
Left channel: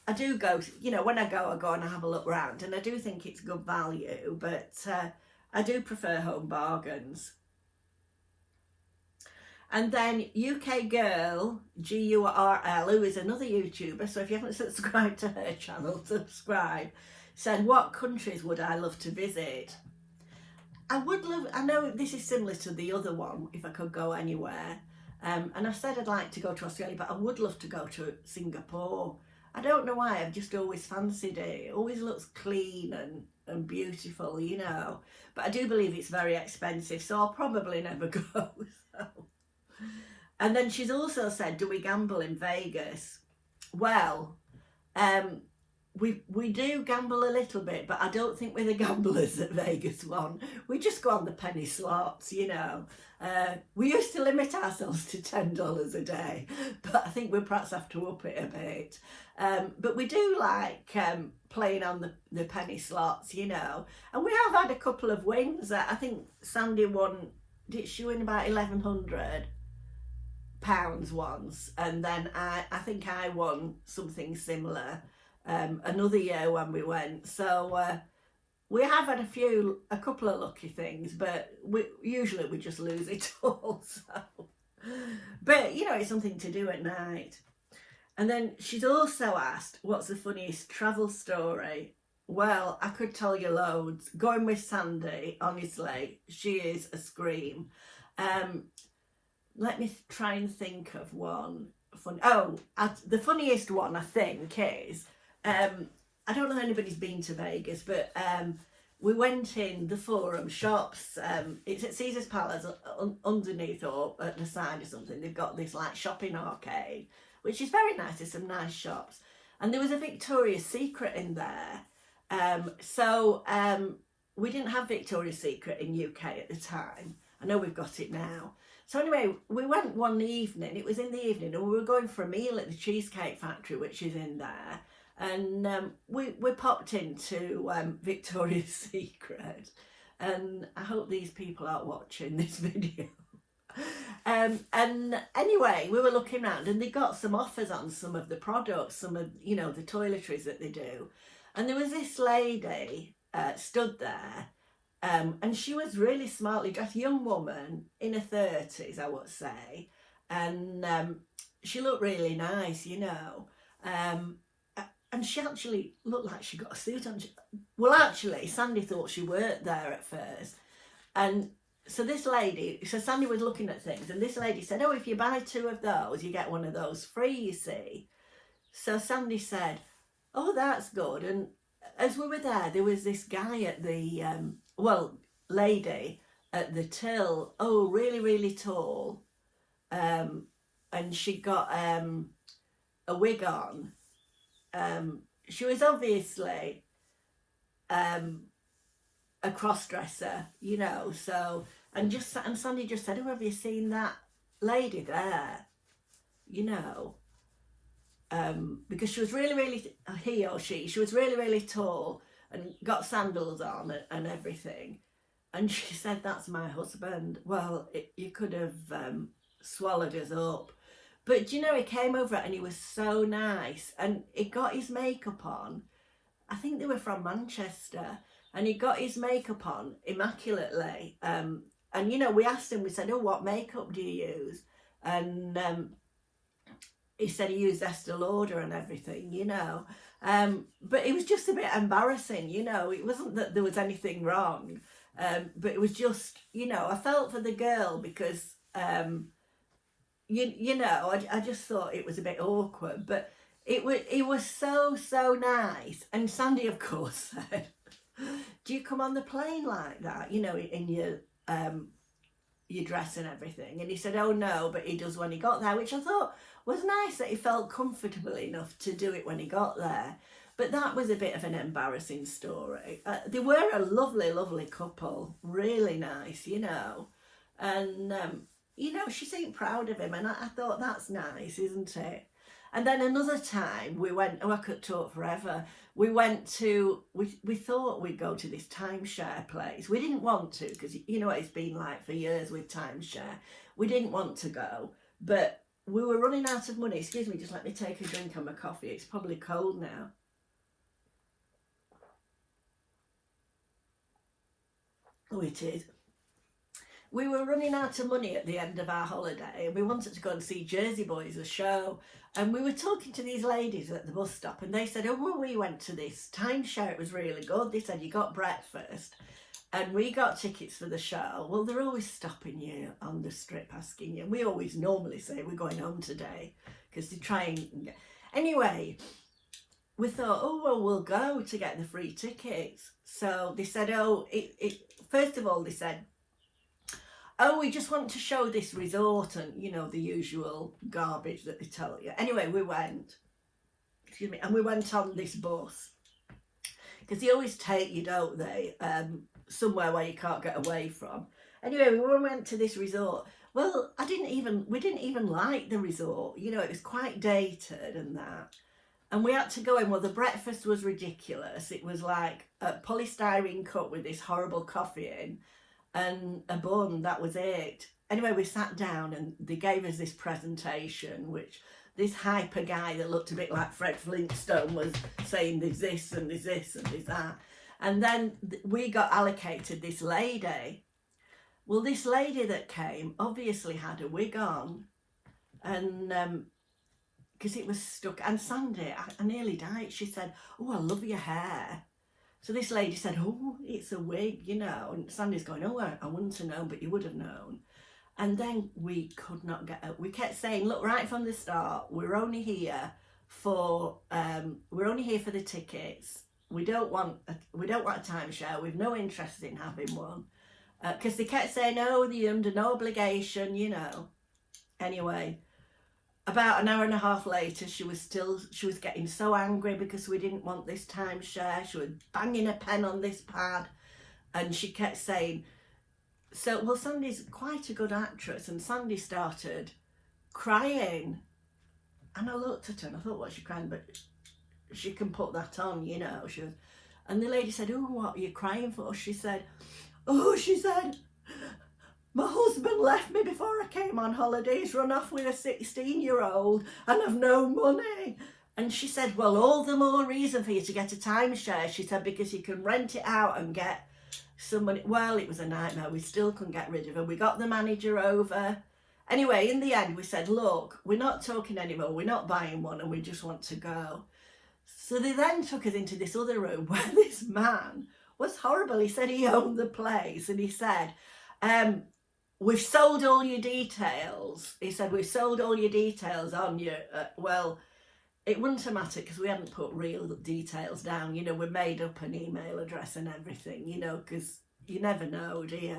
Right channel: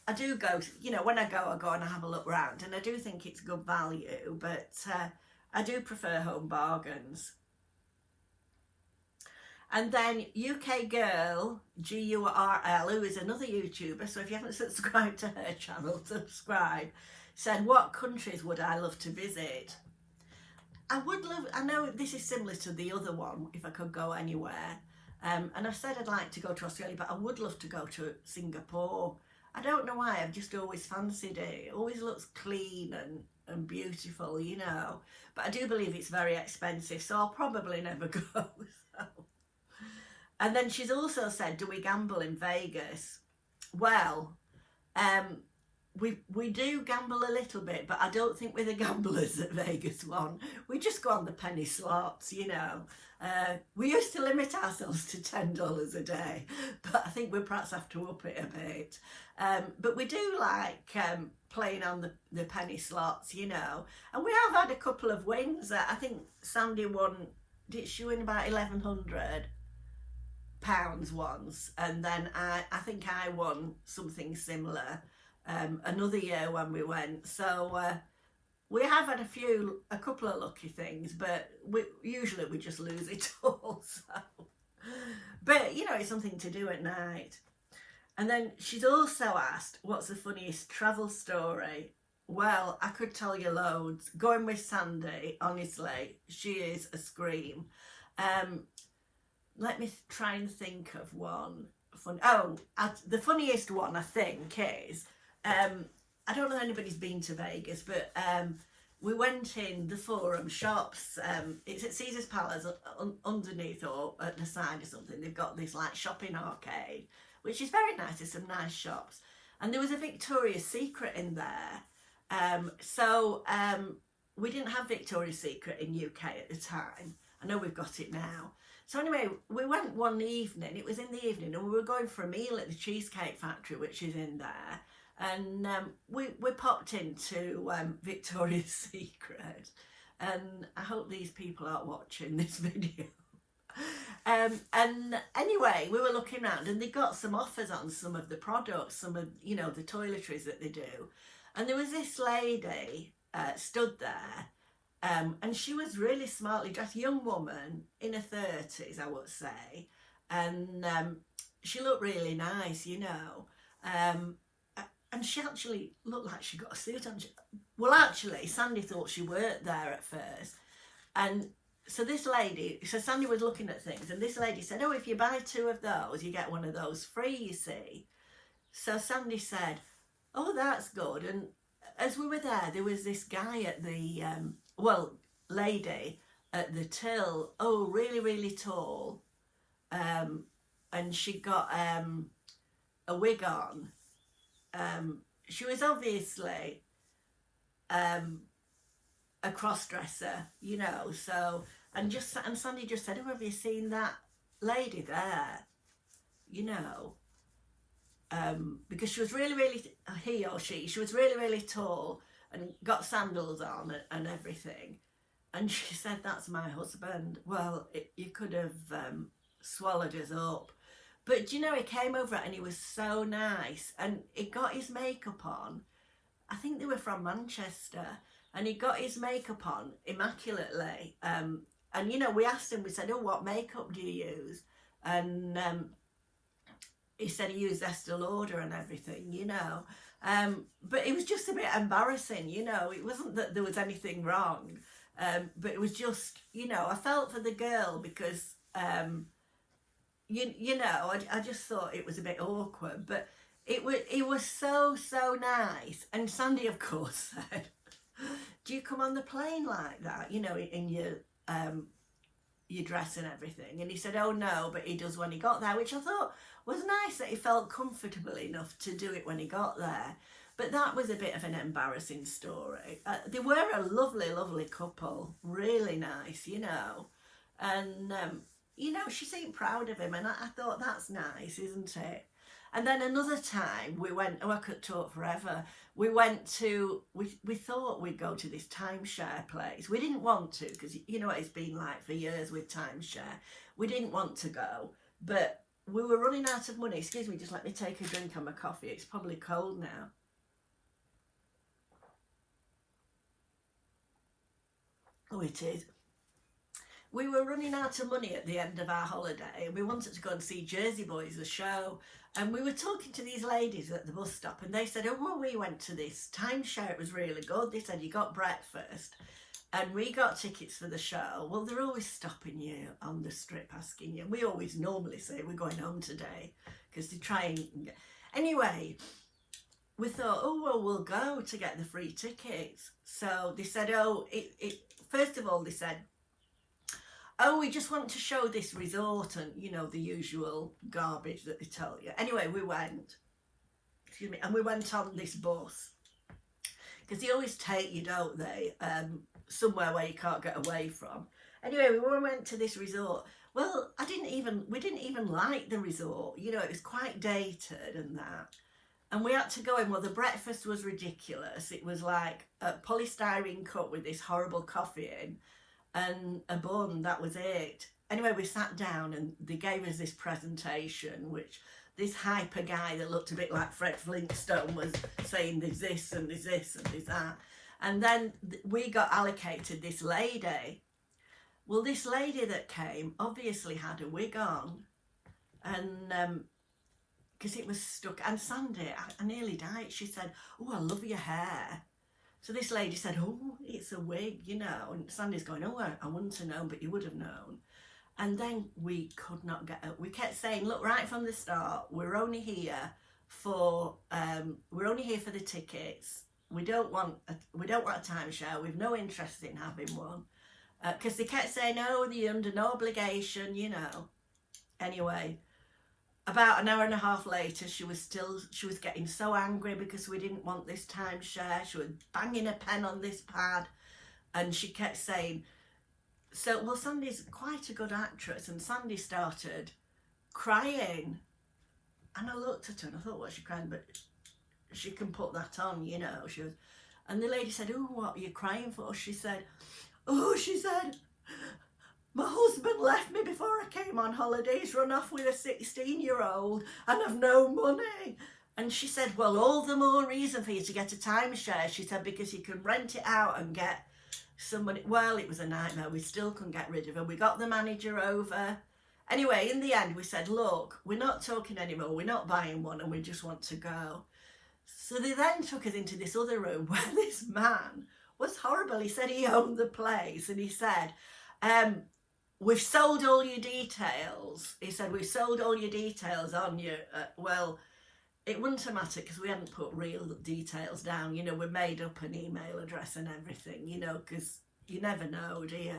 I do go, you know, when I go and I have a look round. And I do think it's good value, but I do prefer Home Bargains. And then UK Girl, Gurl, who is another YouTuber, so if you haven't subscribed to her channel, subscribe, said, what countries would I love to visit? I know this is similar to the other one, if I could go anywhere. And I said I'd like to go to Australia, but I would love to go to Singapore. I don't know why, I've just always fancied it. It always looks clean and beautiful, you know. But I do believe it's very expensive, so I'll probably never go. So. And then she's also said, do we gamble in Vegas? Well, we do gamble a little bit, but I don't think we're the gamblers at Vegas one. We just go on the penny slots, you know. We used to limit ourselves to $10 a day, but I think we perhaps have to up it a bit. But we do like playing on the penny slots, you know. And we have had a couple of wins. I think Sandy won, did she win about £1,100 once? And then I think I won something similar another year when we went. So we have had a couple of lucky things, but usually we just lose it all. So. But you know, it's something to do at night. And then she's also asked, what's the funniest travel story? Well, I could tell you loads. Going with Sandy, honestly, she is a scream. Let me try and think of one. The funniest one I think is, I don't know if anybody's been to Vegas, but we went in the Forum shops. It's at Caesar's Palace, underneath or at the side or something. They've got this like shopping arcade, which is very nice. There's some nice shops. And there was a Victoria's Secret in there. So we didn't have Victoria's Secret in UK at the time. I know we've got it now. So anyway, we went one evening, it was in the evening, and we were going for a meal at the Cheesecake Factory, which is in there. And we popped into Victoria's Secret. And I hope these people aren't watching this video. And anyway, we were looking around and they got some offers on some of the products, some of, you know, the toiletries that they do. And there was this lady stood there. And she was really smartly dressed, young woman in her 30s, I would say. And she looked really nice, you know. And she actually looked like she got a suit on. Well, actually, Sandy thought she worked there at first. And so this lady, so Sandy was looking at things. And this lady said, oh, if you buy 2 of those, you get one of those free, you see. So Sandy said, oh, that's good. And as we were there was this guy at the... lady at the till, oh, really, really tall. And she got a wig on. She was obviously a cross-dresser, you know, so And Sandy just said, oh, have you seen that lady there? You know, because she was really, he or she was really tall and got sandals on and everything. And she said, that's my husband. Well, you could have swallowed us up. But you know, he came over and he was so nice, and he got his makeup on. I think they were from Manchester, and he got his makeup on immaculately. And you know, we asked him, we said, oh, what makeup do you use? And he said he used Estee Lauder and everything, you know. But it was just a bit embarrassing, you know. It wasn't that there was anything wrong, but it was just, you know, I felt for the girl because, you know, I just thought it was a bit awkward. But it was so nice. And Sandy, of course, said, do you come on the plane like that, you know, in your dress and everything? And he said, oh no, but he does when he got there, which I thought was nice, that he felt comfortable enough to do it when he got there. But that was a bit of an embarrassing story. They were a lovely couple, really nice, you know. And you know, she seemed proud of him, and I thought, that's nice, isn't it? And then another time we went, oh, I could talk forever. We went to, we thought we'd go to this timeshare place. We didn't want to, because you know what it's been like for years with timeshare. We didn't want to go, but we were running out of money. Excuse me, just let me take a drink on my coffee. It's probably cold now. Oh, it is. We were running out of money at the end of our holiday, and we wanted to go and see Jersey Boys, the show. And we were talking to these ladies at the bus stop, and they said, oh, well, we went to this timeshare. It was really good. They said, you got breakfast, and we got tickets for the show. Well, they're always stopping you on the strip asking you. We always normally say we're going home today, because they try and... Anyway, we thought, oh, well, we'll go to get the free tickets. So they said, oh, first of all, they said, oh, we just want to show this resort, and, you know, the usual garbage that they tell you. Anyway, we went, excuse me, and we went on this bus, because they always take you, don't they, somewhere where you can't get away from. Anyway, we went to this resort. Well, we didn't even like the resort. You know, it was quite dated and that. And we had to go in. Well, the breakfast was ridiculous. It was like a polystyrene cup with this horrible coffee in, and a bun, that was it. Anyway, we sat down and they gave us this presentation, which this hyper guy that looked a bit like Fred Flintstone was saying there's this and there's this and there's that. And then we got allocated this lady. Well, this lady that came obviously had a wig on, and because it was stuck. And Sandy, I nearly died. She said, oh, I love your hair. So this lady said, oh, it's a wig, you know. And Sandy's going, oh, I wouldn't have known, but you would have known. And then we could not get up. We kept saying, look, right from the start, we're only here for the tickets. We don't want a timeshare. We've no interest in having one. Because they kept saying, oh, they're under no obligation, you know. Anyway, about an hour and a half later, she was getting so angry because we didn't want this timeshare. She was banging a pen on this pad, and she kept saying, so, well, Sandy's quite a good actress, and Sandy started crying. And I looked at her and I thought, what's she crying? But she can put that on, you know. And the lady said, oh, what are you crying for? She said, my husband left me before I came on holiday. He's run off with a 16-year-old and I've no money. And she said, well, all the more reason for you to get a timeshare. She said, because you can rent it out and get somebody. Well, it was a nightmare. We still couldn't get rid of her. We got the manager over. Anyway, in the end, we said, look, we're not talking anymore. We're not buying one, and we just want to go. So they then took us into this other room where this man was horrible. He said he owned the place, and he said, we've sold all your details. He said, we've sold all your details on you. Well, it wouldn't have mattered because we hadn't put real details down. You know, we made up an email address and everything, you know, because you never know, do you?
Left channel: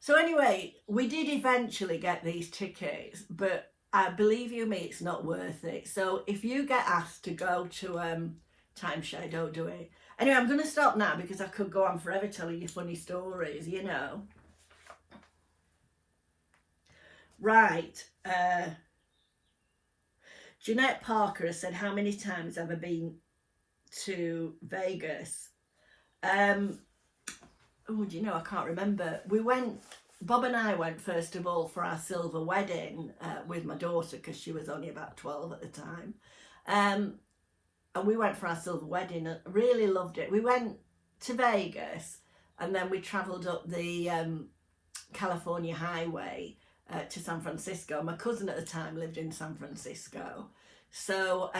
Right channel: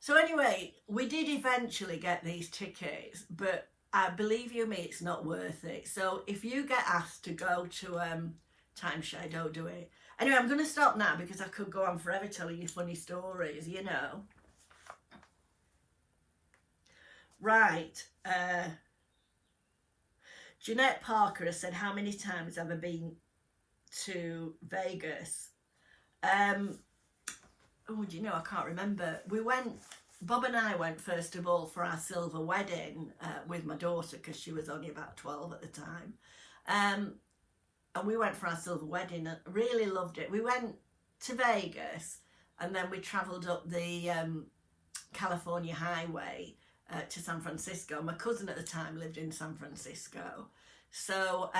So anyway, we did eventually get these tickets, but believe you me, it's not worth it. So if you get asked to go to timeshare, don't do it. Anyway, I'm going to stop now because I could go on forever telling you funny stories, you know. Right. Jeanette Parker has said, how many times have I been to Vegas? Oh, do you know, I can't remember. Bob and I went first of all for our silver wedding with my daughter, because she was only about 12 at the time. And we went for our silver wedding and really loved it. We went to Vegas and then we travelled up the California highway to San Francisco. My cousin at the time lived in San Francisco. So,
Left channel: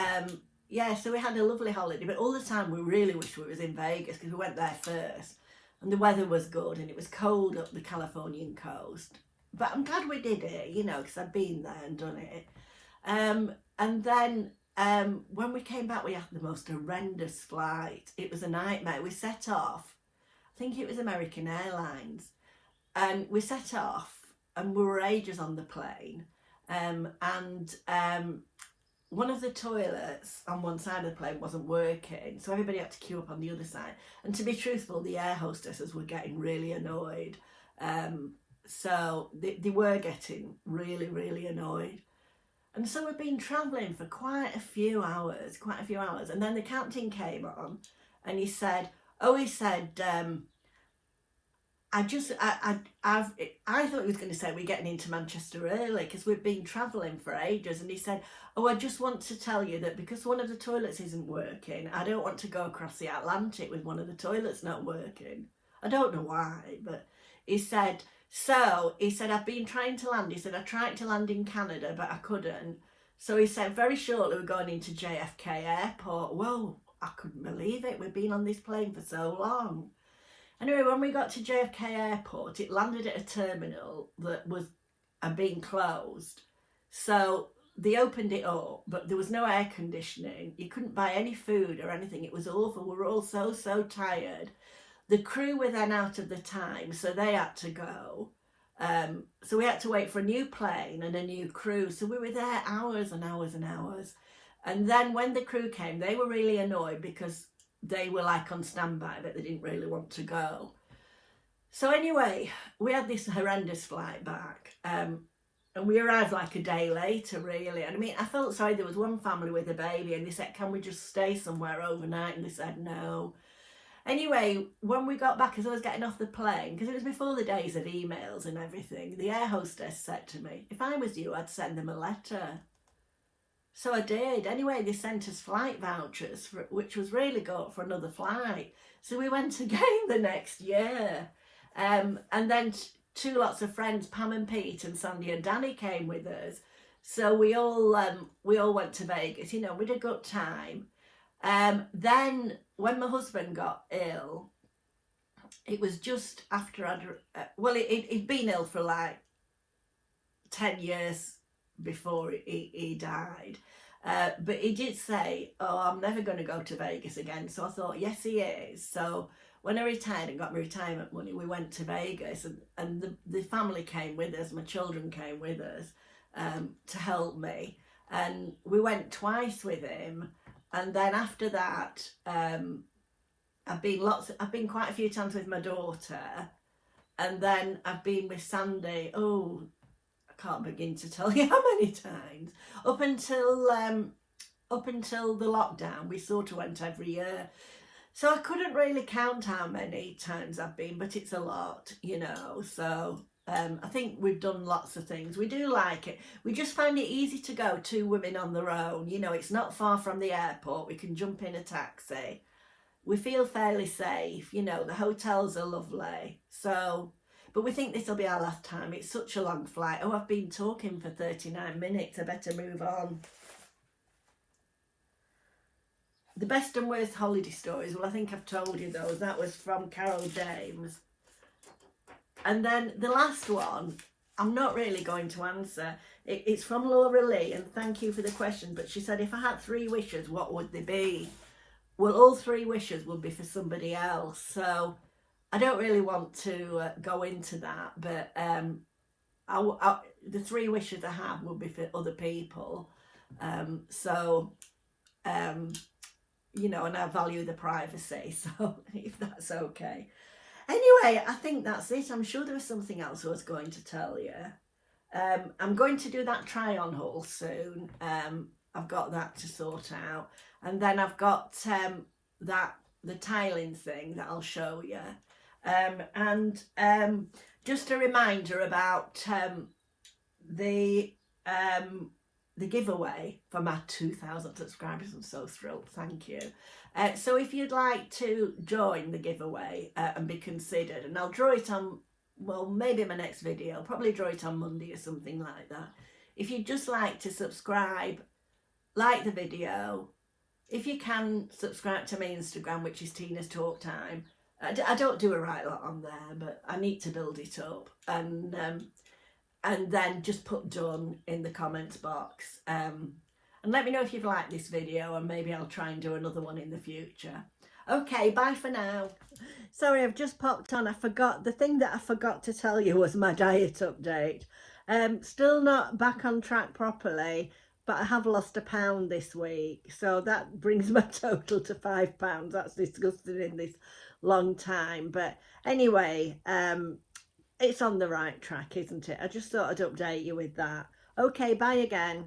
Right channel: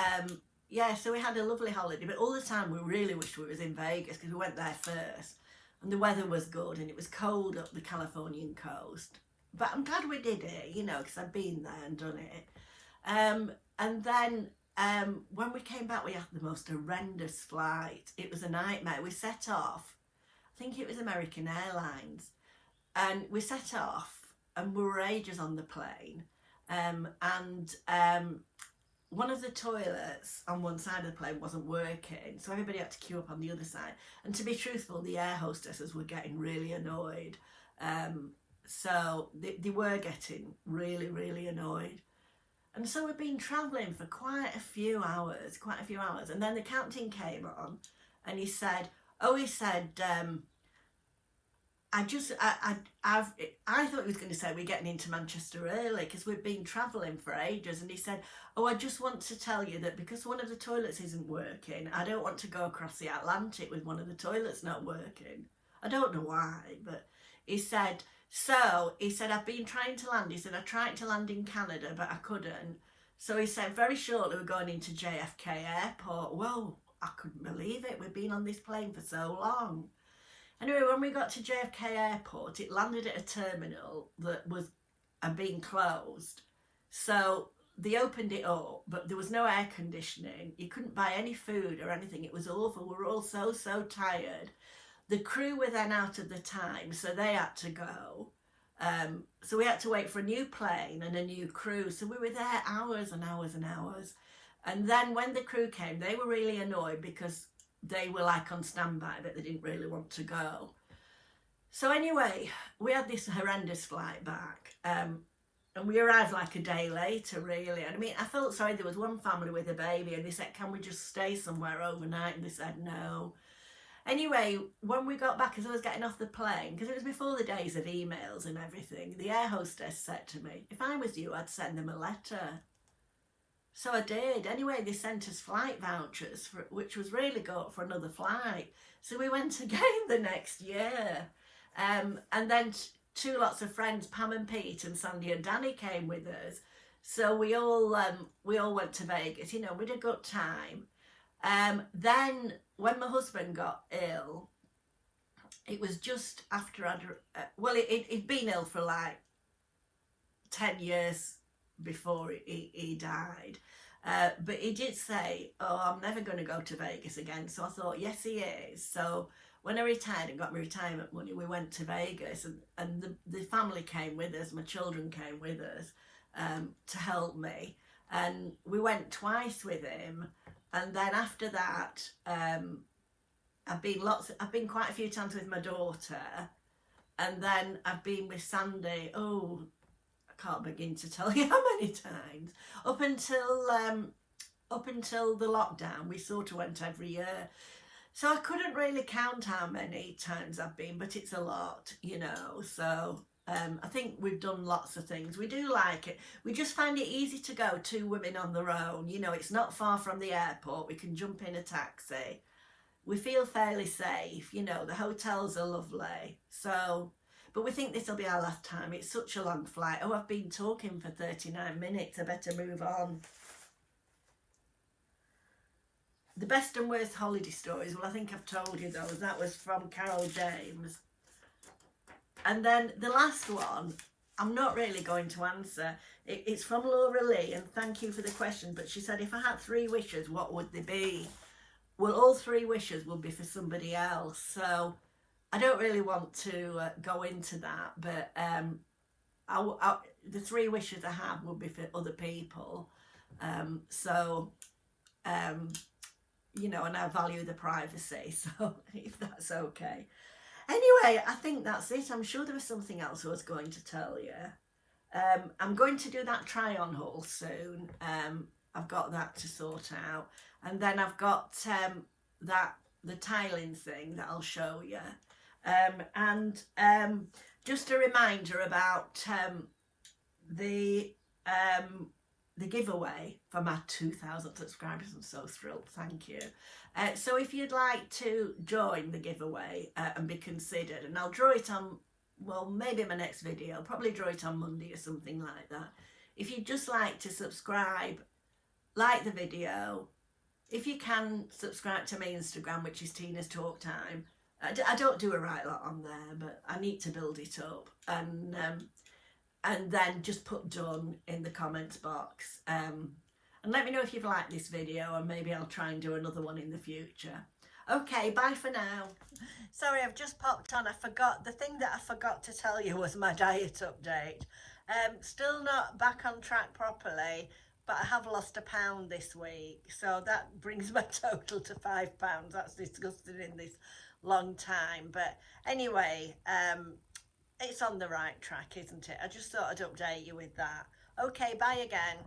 yeah, so we had a lovely holiday. But all the time we really wished we was in Vegas, because we went there first. And the weather was good and it was cold up the Californian coast. But I'm glad we did it, you know, because I'd been there and done it. And then when we came back, we had the most horrendous flight. It was a nightmare. We set off, I think it was American Airlines, and we set off and we were ages on the plane. One of the toilets on one side of the plane wasn't working, so everybody had to queue up on the other side. And to be truthful, the air hostesses were getting really annoyed. So they were getting really, really annoyed. And so we've been travelling for quite a few hours. And then the captain came on and he said, I thought he was going to say we're getting into Manchester early because we've been travelling for ages. And he said, oh, I just want to tell you that because one of the toilets isn't working, I don't want to go across the Atlantic with one of the toilets not working. I don't know why, but he said, I've been trying to land. He said, I tried to land in Canada, but I couldn't. So he said, very shortly we're going into JFK Airport. Whoa, I couldn't believe it. We've been on this plane for so long. Anyway, when we got to JFK Airport, it landed at a terminal that was being closed. So they opened it up, but there was no air conditioning. You couldn't buy any food or anything. It was awful. We were all so tired. The crew were then out of the time, so they had to go. So we had to wait for a new plane and a new crew. So we were there hours and hours and hours. And then when the crew came, they were really annoyed because they were like on standby, but they didn't really want to go. So anyway, we had this horrendous flight back. And we arrived like a day later, really. And I mean, I felt sorry. There was one family with a baby and they said, can we just stay somewhere overnight? And they said, no. Anyway, when we got back, as I was getting off the plane, because it was before the days of emails and everything, the air hostess said to me, if I was you, I'd send them a letter. So I did. Anyway, they sent us flight vouchers, which was really good for another flight. So we went again the next year. And then two lots of friends, Pam and Pete and Sandy and Danny, came with us. So we all went to Vegas. You know, we had a good time. Then when my husband got ill, it was just after he'd been ill for like 10 years before he died. But he did say, oh, I'm never going to go to Vegas again. So I thought, yes, he is. So when I retired and got my retirement money, we went to Vegas, and the family came with us. My children came with us to help me. And we went twice with him. And then after that, I've been quite a few times with my daughter. And then I've been with Sandy, I can't begin to tell you how many times. Up until the lockdown, we sort of went every year. So I couldn't really count how many times I've been, but it's a lot, you know. So I think we've done lots of things. We do like it. We just find it easy to go, two women on their own. You know, it's not far from the airport. We can jump in a taxi. We feel fairly safe. You know, the hotels are lovely. So, but we think this will be our last time. It's such a long flight. Oh, I've been talking for 39 minutes. I better move on. The best and worst holiday stories. Well, I think I've told you those. That was from Carol James. And then the last one, I'm not really going to answer. It's from Laura Lee, and thank you for the question. But she said, if I had 3 wishes, what would they be? Well, all 3 wishes would be for somebody else. So I don't really want to go into that. But the 3 wishes I have would be for other people. You know, and I value the privacy. So if that's okay. Anyway, I think that's it. I'm sure there was something else I was going to tell you. I'm going to do that try on haul soon. I've got that to sort out, and then I've got the tiling thing that I'll show you, and just a reminder about the giveaway for my 2,000 subscribers. I'm so thrilled, thank you. So if you'd like to join the giveaway and be considered, and I'll draw it on, well, maybe my next video, I'll probably draw it on Monday or something like that. If you'd just like to subscribe, like the video, if you can, subscribe to my Instagram, which is Tina's Talk Time. I don't do a right lot on there, but I need to build it up, and then just put done in the comments box, and let me know if you've liked this video, and maybe I'll try and do another one in the future. Okay, bye for now. Sorry, I've just popped on. The thing that I forgot to tell you was my diet update. Still not back on track properly, but I have lost a pound this week, so that brings my total to £5. That's disgusting in this long time, but anyway, it's on the right track, isn't it? I just thought I'd update you with that. Okay, bye again.